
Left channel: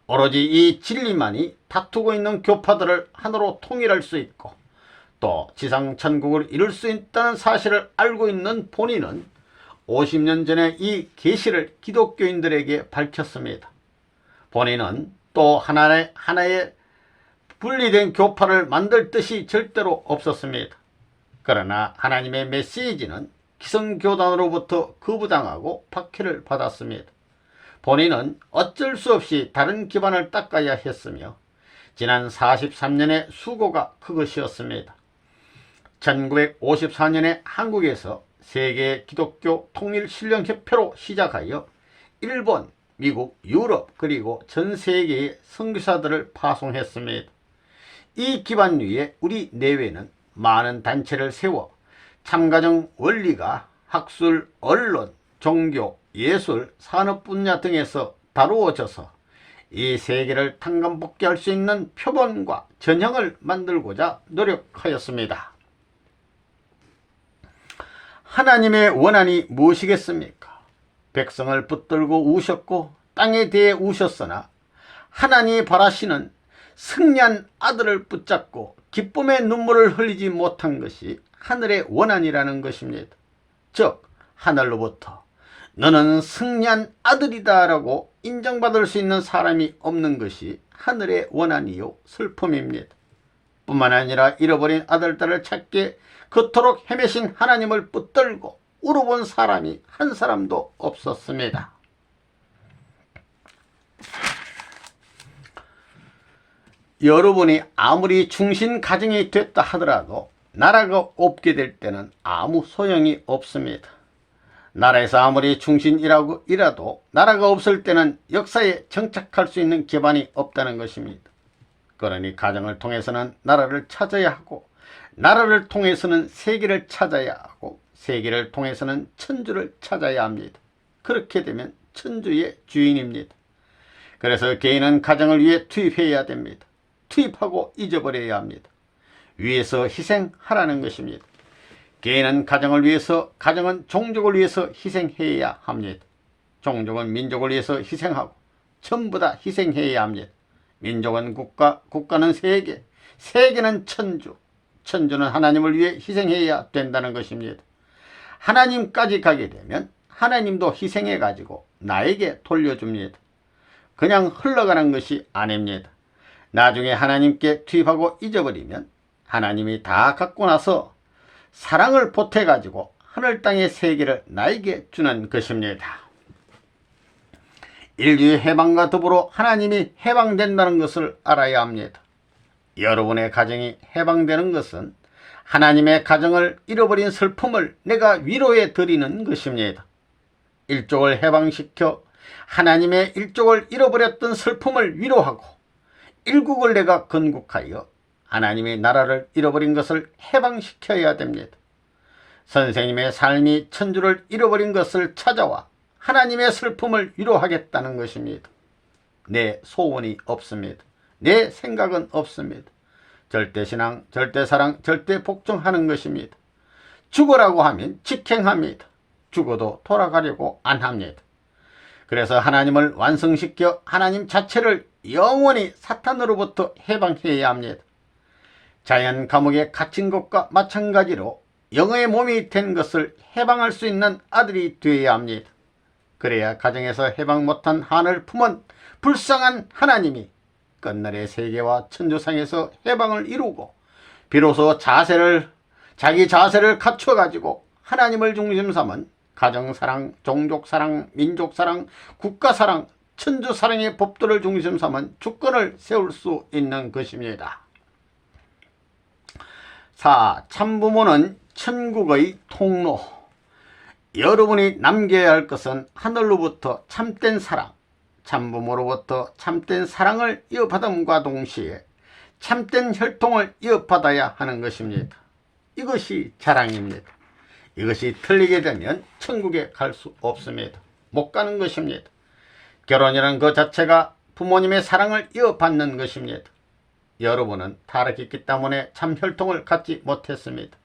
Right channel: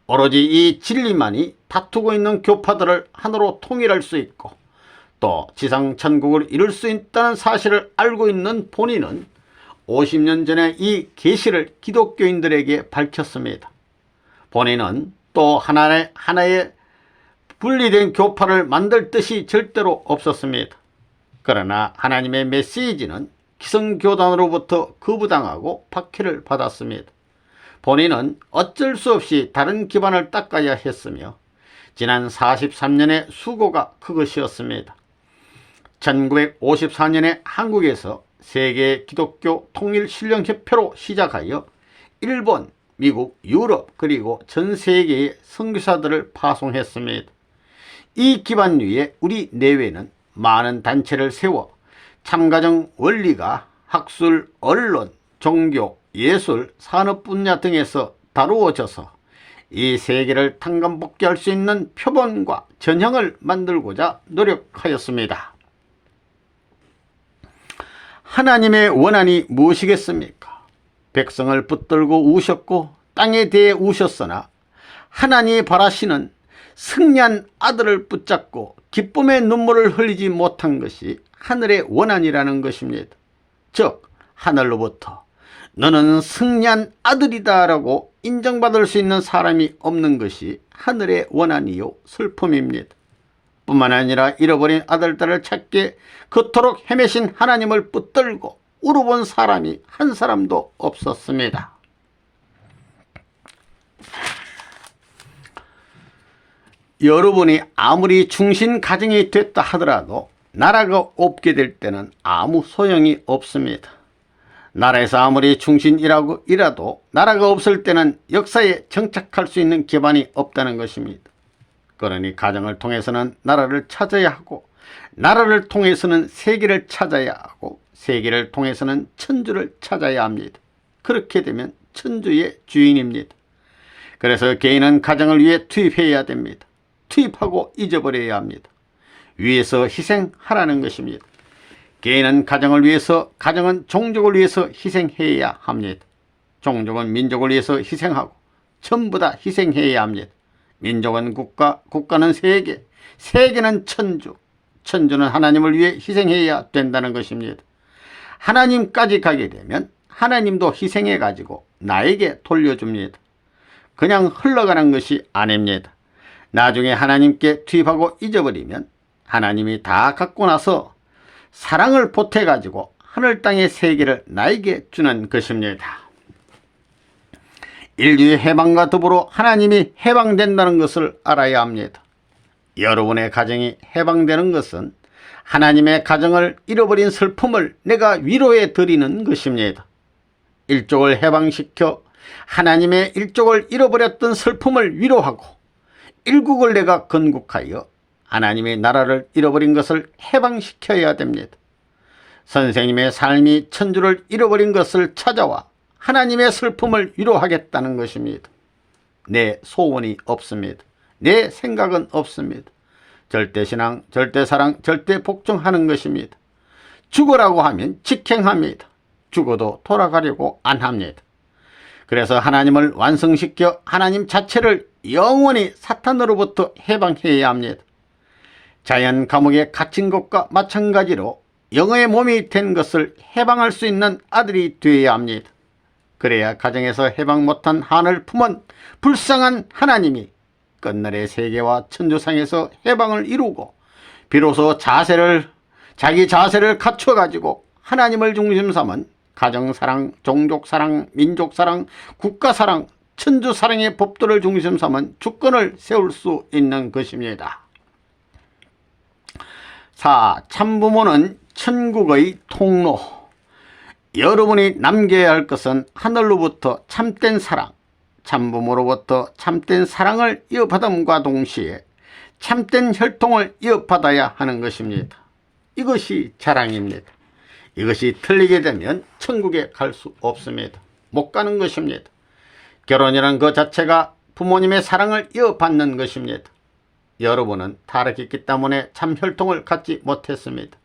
오로지 이 진리만이 다투고 있는 교파들을 하나로 통일할 수 있고 또 지상 천국을 이룰 수 있다는 사실을 알고 있는 본인은 50년 전에 이 계시를 기독교인들에게 밝혔습니다. 본인은 또 하나의 분리된 교파를 만들 뜻이 절대로 없었습니다. 그러나 하나님의 메시지는 기성교단으로부터 거부당하고 박해를 받았습니다. 본인은 어쩔 수 없이 다른 기반을 닦아야 했으며 지난 43년의 수고가 그것이었습니다. 1954년에 한국에서 세계 기독교 통일신령협회로 시작하여 일본, 미국, 유럽 그리고 전 세계의 선교사들을 파송했습니다. 이 기반 위에 우리 내외는 많은 단체를 세워 참가정 원리가 학술, 언론, 종교, 예술, 산업 분야 등에서 다루어져서 이 세계를 탕감복귀할 수 있는 표본과 전형을 만들고자 노력하였습니다. 하나님의 원한이 무엇이겠습니까? 백성을 붙들고 우셨고 땅에 대해 우셨으나 하나님이 바라시는 승리한 아들을 붙잡고 기쁨의 눈물을 흘리지 못한 것이 하늘의 원한이라는 것입니다. 즉 하늘로부터 너는 승리한 아들이다 라고 인정받을 수 있는 사람이 없는 것이 하늘의 원한이요 슬픔입니다. 뿐만 아니라 잃어버린 아들, 딸을 찾게 그토록 헤매신 하나님을 붙들고 울어본 사람이 한 사람도 없었습니다. 여러분이 아무리 충신 가정이 됐다 하더라도 나라가 없게 될 때는 아무 소용이 없습니다. 나라에서 아무리 충신이라고 일하도 나라가 없을 때는 역사에 정착할 수 있는 기반이 없다는 것입니다. 그러니 가정을 통해서는 나라를 찾아야 하고 나라를 통해서는 세계를 찾아야 하고 세계를 통해서는 천주를 찾아야 합니다. 그렇게 되면 천주의 주인입니다. 그래서 개인은 가정을 위해 투입해야 됩니다. 투입하고 잊어버려야 합니다. 위에서 희생하라는 것입니다. 개인은 가정을 위해서, 가정은 종족을 위해서 희생해야 합니다. 종족은 민족을 위해서 희생하고 전부 다 희생해야 합니다. 민족은 국가, 국가는 세계, 세계는 천주, 천주는 하나님을 위해 희생해야 된다는 것입니다. 하나님까지 가게 되면 하나님도 희생해 가지고 나에게 돌려줍니다. 그냥 흘러가는 것이 아닙니다. 나중에 하나님께 투입하고 잊어버리면 하나님이 다 갖고 나서 사랑을 보태 가지고 하늘 땅의 세계를 나에게 주는 것입니다. 인류의 해방과 더불어 하나님이 해방된다는 것을 알아야 합니다. 여러분의 가정이 해방되는 것은 하나님의 가정을 잃어버린 슬픔을 내가 위로해 드리는 것입니다. 일족을 해방시켜 하나님의 일족을 잃어버렸던 슬픔을 위로하고 일국을 내가 건국하여 하나님의 나라를 잃어버린 것을 해방시켜야 됩니다. 선생님의 삶이 천주를 잃어버린 것을 찾아와 하나님의 슬픔을 위로하겠다는 것입니다. 내 소원이 없습니다. 내 생각은 없습니다. 절대신앙, 절대사랑, 절대복종하는 것입니다. 죽으라고 하면 직행합니다. 죽어도 돌아가려고 안 합니다. 그래서 하나님을 완성시켜 하나님 자체를 영원히 사탄으로부터 해방해야 합니다. 자연 감옥에 갇힌 것과 마찬가지로 영의 몸이 된 것을 해방할 수 있는 아들이 되어야 합니다. 그래야 가정에서 해방 못한 한을 품은 불쌍한 하나님이 끝날의 세계와 천주상에서 해방을 이루고 비로소 자기 자세를 갖춰가지고 하나님을 중심 삼은 가정사랑, 종족사랑, 민족사랑, 국가사랑, 천주사랑의 법도를 중심 삼은 주권을 세울 수 있는 것입니다. 참부모는 천국의 통로. 여러분이 남겨야 할 것은 하늘로부터 참된 사랑, 참부모로부터 참된 사랑을 이어받음과 동시에 참된 혈통을 이어받아야 하는 것입니다. 이것이 자랑입니다. 이것이 틀리게 되면 천국에 갈 수 없습니다. 못 가는 것입니다. 결혼이란 그 자체가 부모님의 사랑을 이어받는 것입니다. 여러분은 타락했기 때문에 참 혈통을 갖지 못했습니다.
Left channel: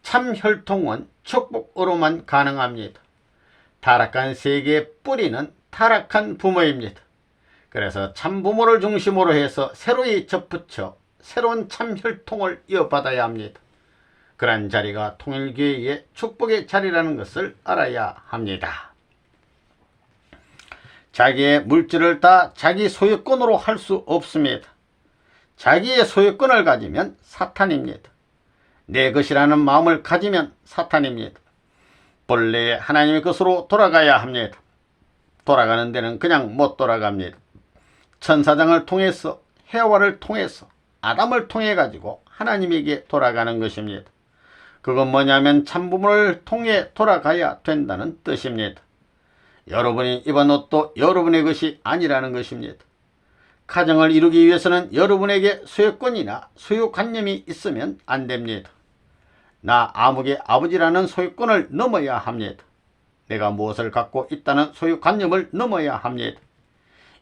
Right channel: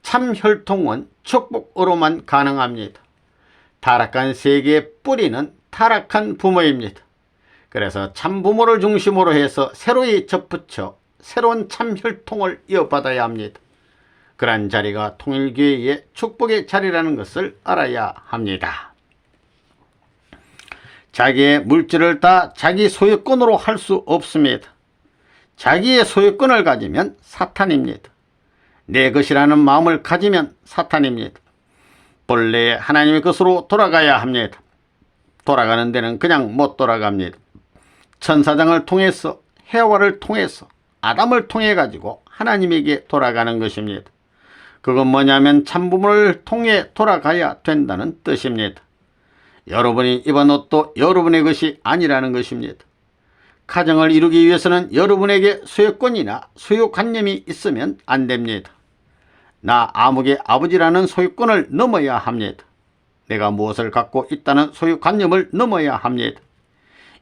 참 혈통은 축복으로만 가능합니다. 타락한 세계의 뿌리는 타락한 부모입니다. 그래서 참 부모를 중심으로 해서 새로이 접붙여 새로운 참 혈통을 이어받아야 합니다. 그러한 자리가 통일교회의 축복의 자리라는 것을 알아야 합니다. 자기의 물질을 다 자기 소유권으로 할 수 없습니다. 자기의 소유권을 가지면 사탄입니다. 내 것이라는 마음을 가지면 사탄입니다. 본래 하나님의 것으로 돌아가야 합니다. 돌아가는 데는 그냥 못 돌아갑니다. 천사장을 통해서, 해와를 통해서, 아담을 통해 가지고 하나님에게 돌아가는 것입니다. 그건 뭐냐면 참부모를 통해 돌아가야 된다는 뜻입니다. 여러분이 입은 옷도 여러분의 것이 아니라는 것입니다. 가정을 이루기 위해서는 여러분에게 소유권이나 소유관념이 있으면 안 됩니다. 나 아무개 아버지라는 소유권을 넘어야 합니다. 내가 무엇을 갖고 있다는 소유관념을 넘어야 합니다.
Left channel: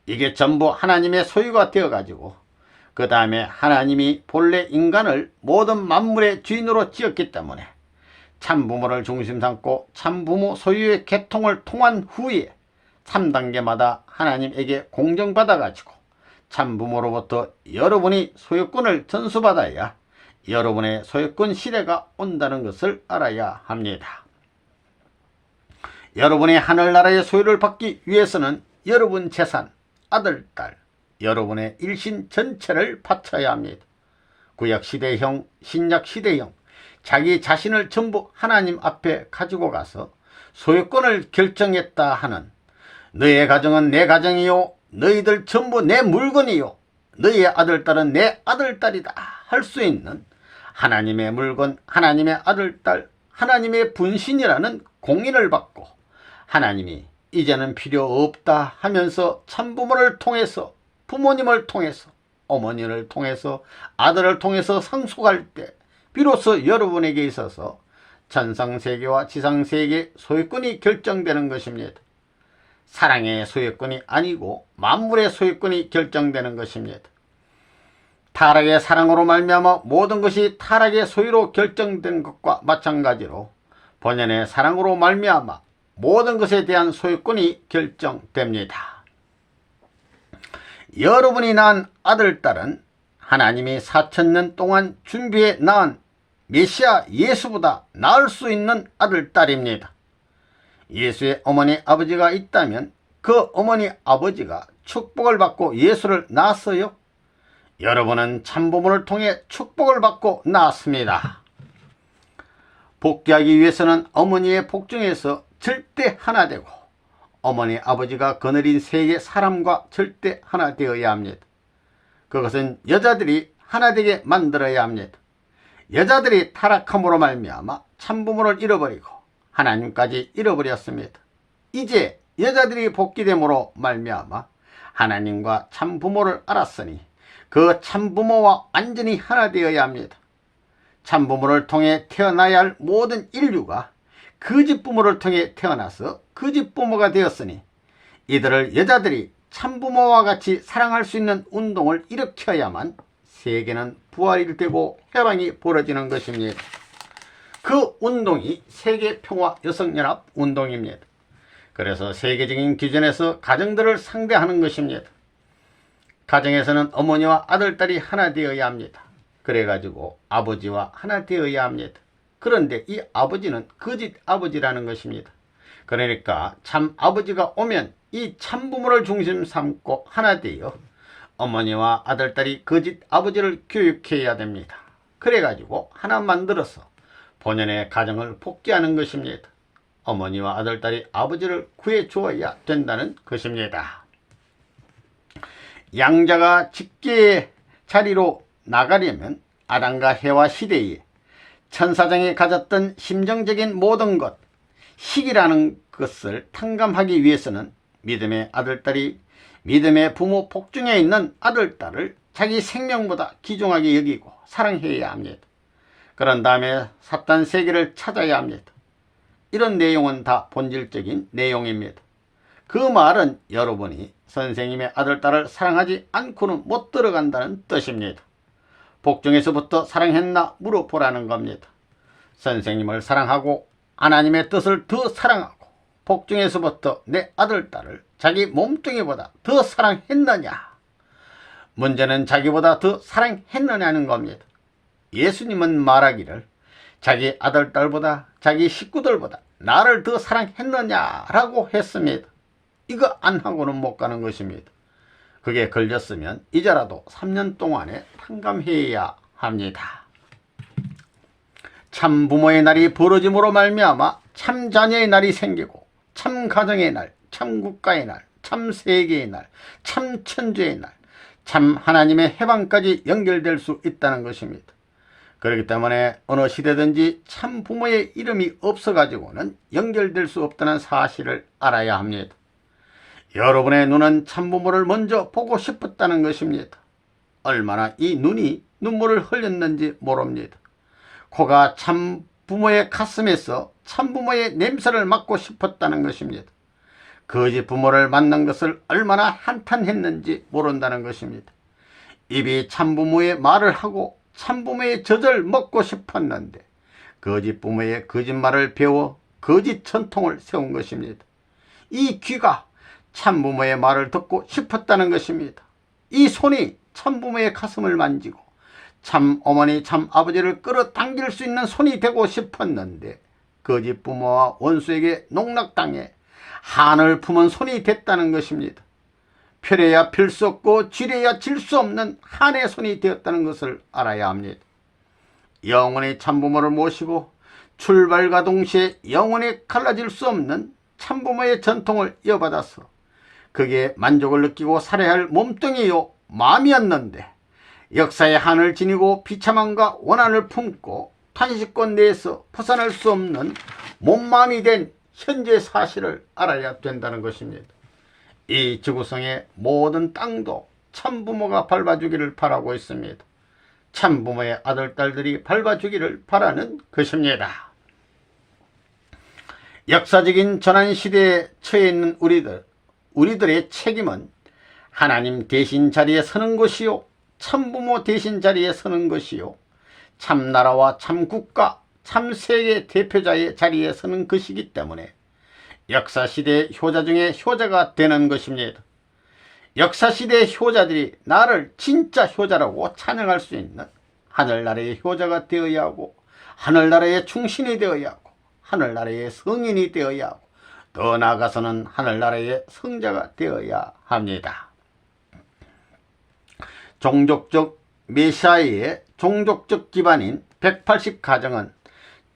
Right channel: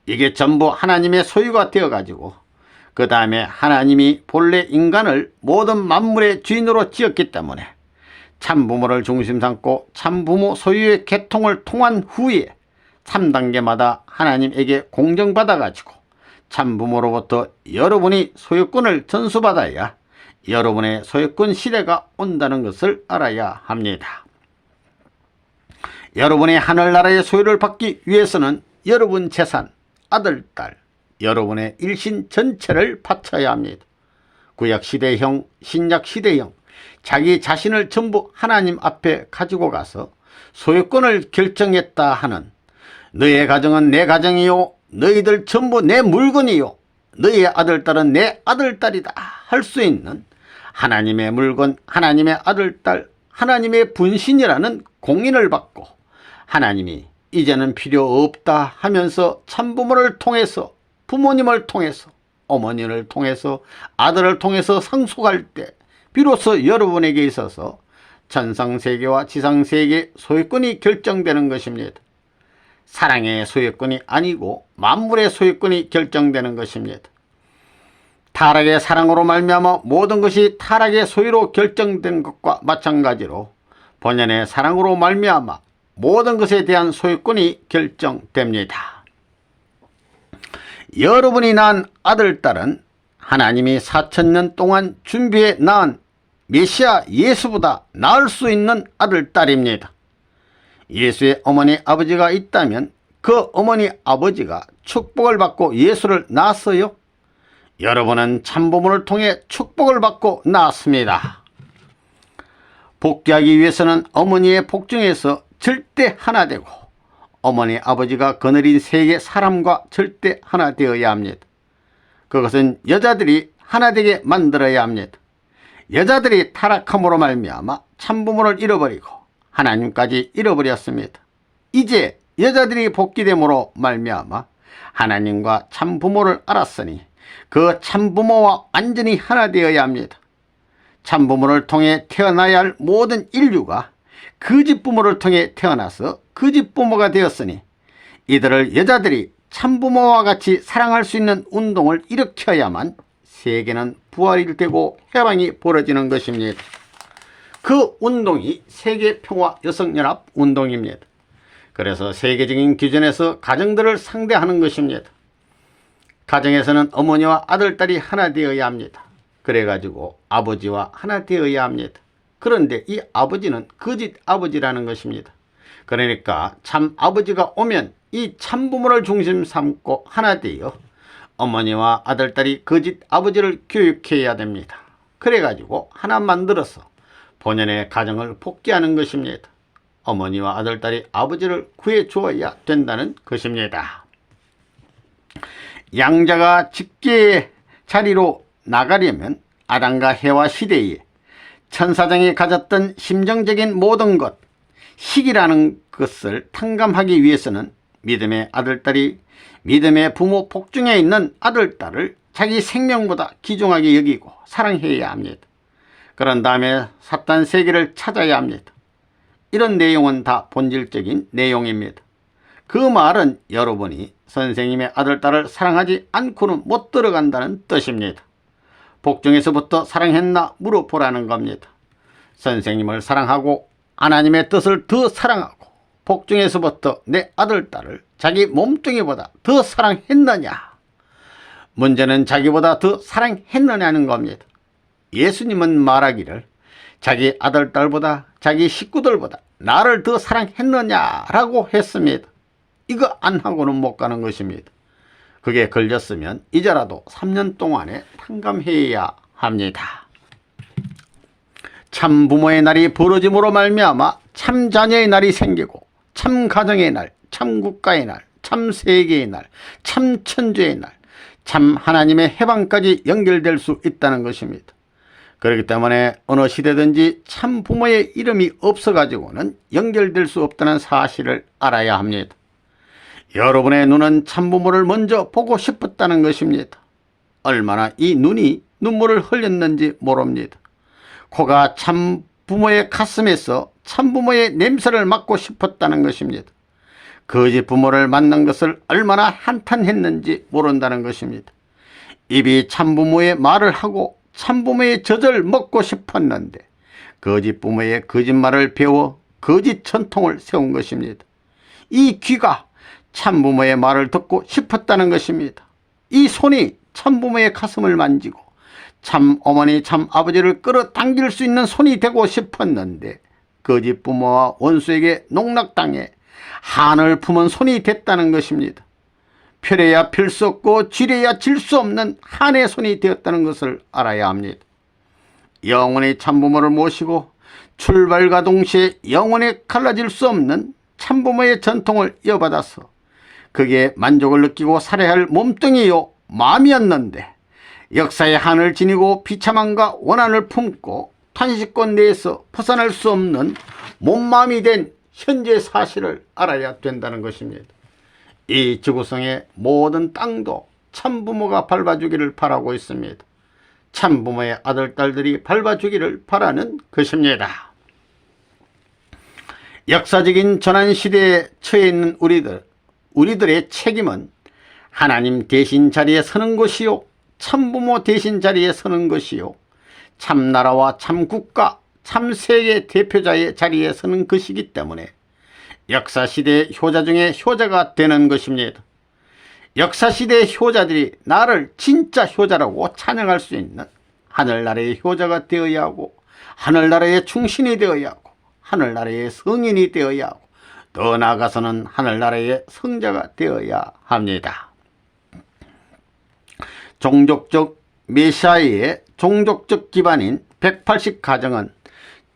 이게 전부 하나님의 소유가 되어가지고 그 다음에 하나님이 본래 인간을 모든 만물의 주인으로 지었기 때문에 참부모를 중심 삼고 참부모 소유의 계통을 통한 후에 3단계마다 하나님에게 공정받아가지고 참부모로부터 여러분이 소유권을 전수받아야 여러분의 소유권 시대가 온다는 것을 알아야 합니다. 여러분이 하늘나라의 소유를 받기 위해서는 여러분 재산, 아들, 딸, 여러분의 일신 전체를 바쳐야 합니다. 구약시대형, 신약시대형, 자기 자신을 전부 하나님 앞에 가지고 가서 소유권을 결정했다 하는 너의 가정은 내 가정이요, 너희들 전부 내 물건이요, 너희의 아들, 딸은 내 아들, 딸이다 할 수 있는 하나님의 물건, 하나님의 아들, 딸, 하나님의 분신이라는 공인을 받고 하나님이 이제는 필요 없다 하면서 참부모를 통해서, 부모님을 통해서, 어머니를 통해서, 아들을 통해서 상속할 때 비로소 여러분에게 있어서 천상세계와 지상세계의 소유권이 결정되는 것입니다. 사랑의 소유권이 아니고 만물의 소유권이 결정되는 것입니다. 타락의 사랑으로 말미암아 모든 것이 타락의 소유로 결정된 것과 마찬가지로 본연의 사랑으로 말미암아 모든 것에 대한 소유권이 결정됩니다. 여러분이 낳은 아들, 딸은 하나님이 4000년 동안 준비해 낳은 메시아 예수보다 나을 수 있는 아들, 딸입니다. 예수의 어머니, 아버지가 있다면 그 어머니, 아버지가 축복을 받고 예수를 낳았어요. 여러분은 참부모를 통해 축복을 받고 낳았습니다. 복귀하기 위해서는 어머니의 복중에서 절대 하나 되고 어머니, 아버지가 거느린 세계 사람과 절대 하나 되어야 합니다. 그것은 여자들이 하나 되게 만들어야 합니다. 여자들이 타락함으로 말미암아 참부모를 잃어버리고 하나님까지 잃어버렸습니다. 이제 여자들이 복귀됨으로 말미암아 하나님과 참부모를 알았으니 그 참부모와 완전히 하나 되어야 합니다. 참부모를 통해 태어나야 할 모든 인류가 거짓 부모를 통해 태어나서 거짓 부모가 되었으니 이들을 여자들이 참부모와 같이 사랑할 수 있는 운동을 일으켜야만 세계는 부활이 되고 해방이 벌어지는 것입니다. 그 운동이 세계평화여성연합 운동입니다. 그래서 세계적인 기준에서 가정들을 상대하는 것입니다. 가정에서는 어머니와 아들, 딸이 하나 되어야 합니다. 그래가지고 아버지와 하나 되어야 합니다. 그런데 이 아버지는 거짓 아버지라는 것입니다. 그러니까 참 아버지가 오면 이 참부모를 중심 삼고 하나 되어 어머니와 아들, 딸이 거짓 아버지를 교육해야 됩니다. 그래가지고 하나 만들어서 본연의 가정을 복귀하는 것입니다. 어머니와 아들, 딸이 아버지를 구해주어야 된다는 것입니다. 양자가 직계의 자리로 나가려면 아담과 해와 시대에 천사장이 가졌던 심정적인 모든 것, 희이라는 것을 탕감하기 위해서는 믿음의 아들딸이 믿음의 부모 복중에 있는 아들딸을 자기 생명보다 귀중하게 여기고 사랑해야 합니다. 그런 다음에 사탄 세계를 찾아야 합니다. 이런 내용은 다 본질적인 내용입니다. 그 말은 여러분이 선생님의 아들딸을 사랑하지 않고는 못 들어간다는 뜻입니다. 복중에서부터 사랑했나 물어보라는 겁니다. 선생님을 사랑하고 하나님의 뜻을 더 사랑하고 복중에서부터 내 아들딸을 자기 몸뚱이보다 더 사랑했느냐? 문제는 자기보다 더 사랑했느냐는 겁니다. 예수님은 말하기를 자기 아들딸보다 자기 식구들보다 나를 더 사랑했느냐라고 했습니다. 이거 안 하고는 못 가는 것입니다. 그게 걸렸으면 이제라도 3년 동안에 탕감해야 합니다. 참 부모의 날이 벌어짐으로 말미암아 참 자녀의 날이 생기고 참 가정의 날, 참 국가의 날, 참 세계의 날, 참 천주의 날, 참 하나님의 해방까지 연결될 수 있다는 것입니다. 그렇기 때문에 어느 시대든지 참 부모의 이름이 없어가지고는 연결될 수 없다는 사실을 알아야 합니다. 여러분의 눈은 참부모를 먼저 보고 싶었다는 것입니다. 얼마나 이 눈이 눈물을 흘렸는지 모릅니다. 코가 참부모의 가슴에서 참부모의 냄새를 맡고 싶었다는 것입니다. 거짓 부모를 만난 것을 얼마나 한탄했는지 모른다는 것입니다. 입이 참부모의 말을 하고 참부모의 젖을 먹고 싶었는데 거짓 부모의 거짓말을 배워 거짓 전통을 세운 것입니다. 이 귀가 참부모의 말을 듣고 싶었다는 것입니다. 이 손이 참부모의 가슴을 만지고 참 어머니 참 아버지를 끌어당길 수 있는 손이 되고 싶었는데 거짓 부모와 원수에게 농락당해 한을 품은 손이 됐다는 것입니다. 펴려야 필 수 없고 쥐려야 질 수 없는 한의 손이 되었다는 것을 알아야 합니다. 영원히 참부모를 모시고 출발과 동시에 영원히 갈라질 수 없는 참부모의 전통을 이어받아서 그게 만족을 느끼고 살아야 할 몸뚱이요 마음이었는데 역사의 한을 지니고 비참함과 원한을 품고 탄식권 내에서 벗어날 수 없는 몸마음이 된 현재 사실을 알아야 된다는 것입니다. 이 지구상의 모든 땅도 참부모가 밟아주기를 바라고 있습니다. 참부모의 아들, 딸들이 밟아주기를 바라는 것입니다. 역사적인 전환시대에 처해 있는 우리들의 책임은 하나님 대신 자리에 서는 것이요 참부모 대신 자리에 서는 것이요 참나라와 참국가 참세계 대표자의 자리에 서는 것이기 때문에 역사시대의 효자 중에 효자가 되는 것입니다. 역사시대의 효자들이 나를 진짜 효자라고 찬양할 수 있는 하늘나라의 효자가 되어야 하고 하늘나라의 충신이 되어야 하고 하늘나라의 성인이 되어야 하고 더 나아가서는 하늘나라의 성자가 되어야 합니다. 종족적 메시아의 종족적 기반인 180가정은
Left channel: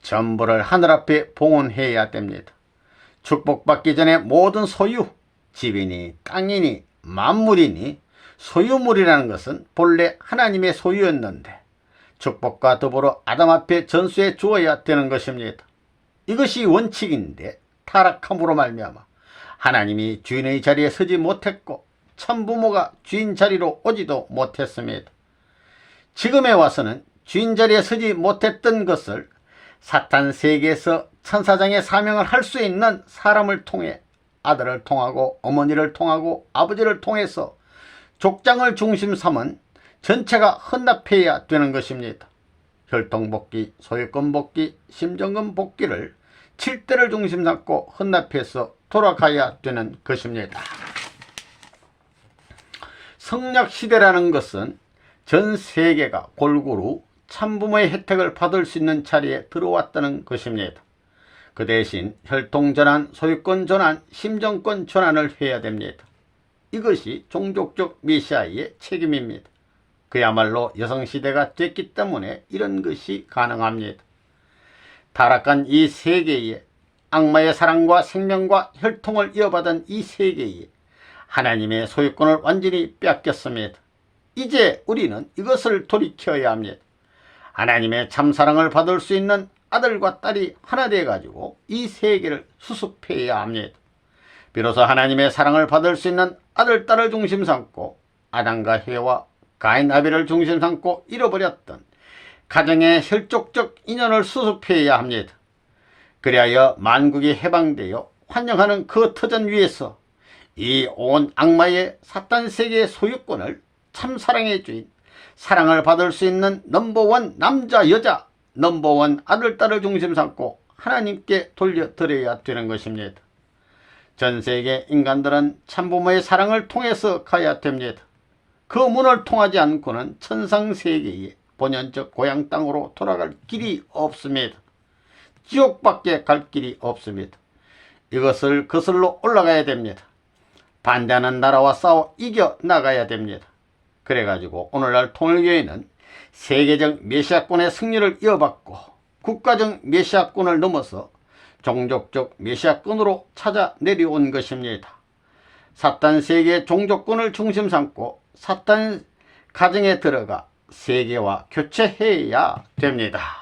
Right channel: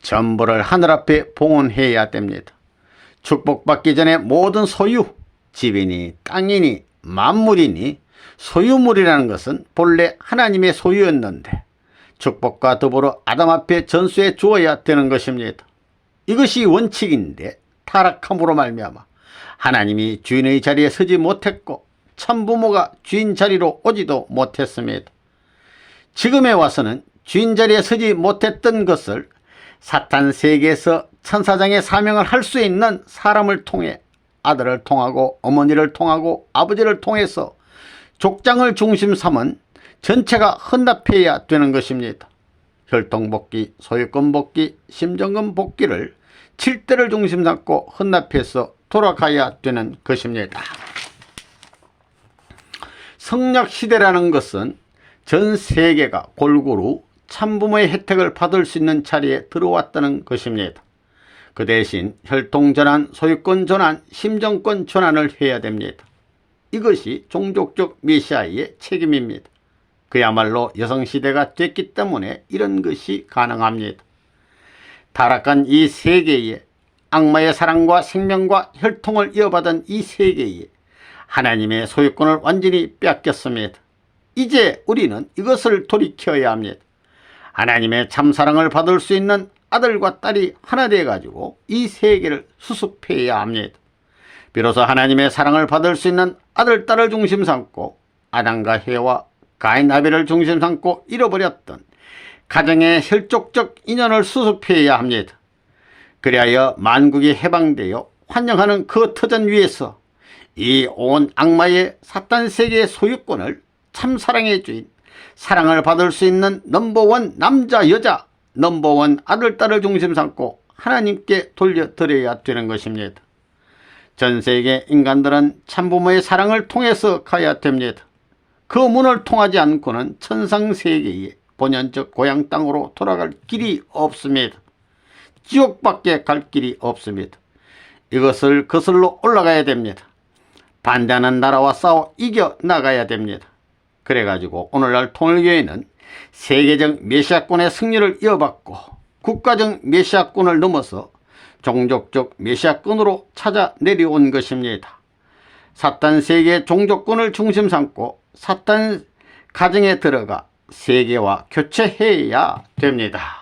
전부를 하늘 앞에 봉헌해야 됩니다. 축복받기 전에 모든 소유, 집이니 땅이니 만물이니 소유물이라는 것은 본래 하나님의 소유였는데 축복과 더불어 아담 앞에 전수해 주어야 되는 것입니다. 이것이 원칙인데 타락함으로 말미암아 하나님이 주인의 자리에 서지 못했고 참부모가 주인 자리로 오지도 못했습니다. 지금에 와서는 주인 자리에 서지 못했던 것을 사탄 세계에서 천사장의 사명을 할 수 있는 사람을 통해 아들을 통하고 어머니를 통하고 아버지를 통해서 족장을 중심 삼은 전체가 헌납해야 되는 것입니다. 혈통복귀, 소유권복귀, 심정권 복귀를 7대를 중심 삼고 헌납해서 돌아가야 되는 것입니다. 성약시대라는 것은 전 세계가 골고루 참부모의 혜택을 받을 수 있는 자리에 들어왔다는 것입니다. 그 대신 혈통전환, 소유권전환, 심정권 전환을 해야 됩니다. 이것이 종족적 메시아의 책임입니다. 그야말로 여성시대가 됐기 때문에 이런 것이 가능합니다. 타락한 이 세계에 악마의 사랑과 생명과 혈통을 이어받은 이 세계에 하나님의 소유권을 완전히 뺏겼습니다. 이제 우리는 이것을 돌이켜야 합니다. 하나님의 참사랑을 받을 수 있는 아들과 딸이 하나 되어가지고 이 세계를 수습해야 합니다. 비로소 하나님의 사랑을 받을 수 있는 아들, 딸을 중심 삼고 아담과 해와 가인, 아벨을 중심 삼고 잃어버렸던 가정의 혈족적 인연을 수습해야 합니다. 그리하여 만국이 해방되어 환영하는 그 터전 위에서 이 온 악마의 사탄 세계의 소유권을 참사랑의 주인, 사랑을 받을 수 있는 넘버원 남자, 여자, 넘버원 아들, 딸을 중심 삼고 하나님께 돌려드려야 되는 것입니다. 전 세계 인간들은 참부모의 사랑을 통해서 가야 됩니다. 그 문을 통하지 않고는 천상세계의 본연적 고향 땅으로 돌아갈 길이 없습니다. 지옥밖에 갈 길이 없습니다. 이것을 거슬러 올라가야 됩니다. 반대하는 나라와 싸워 이겨나가야 됩니다. 그래가지고 오늘날 통일교회는 세계적 메시아권의 승리를 이어받고 국가적 메시아권을 넘어서 종족적 메시아권으로 찾아 내려온 것입니다. 사탄 세계의 종족권을 중심 삼고 사탄 가정에 들어가 세계와 교체해야 됩니다.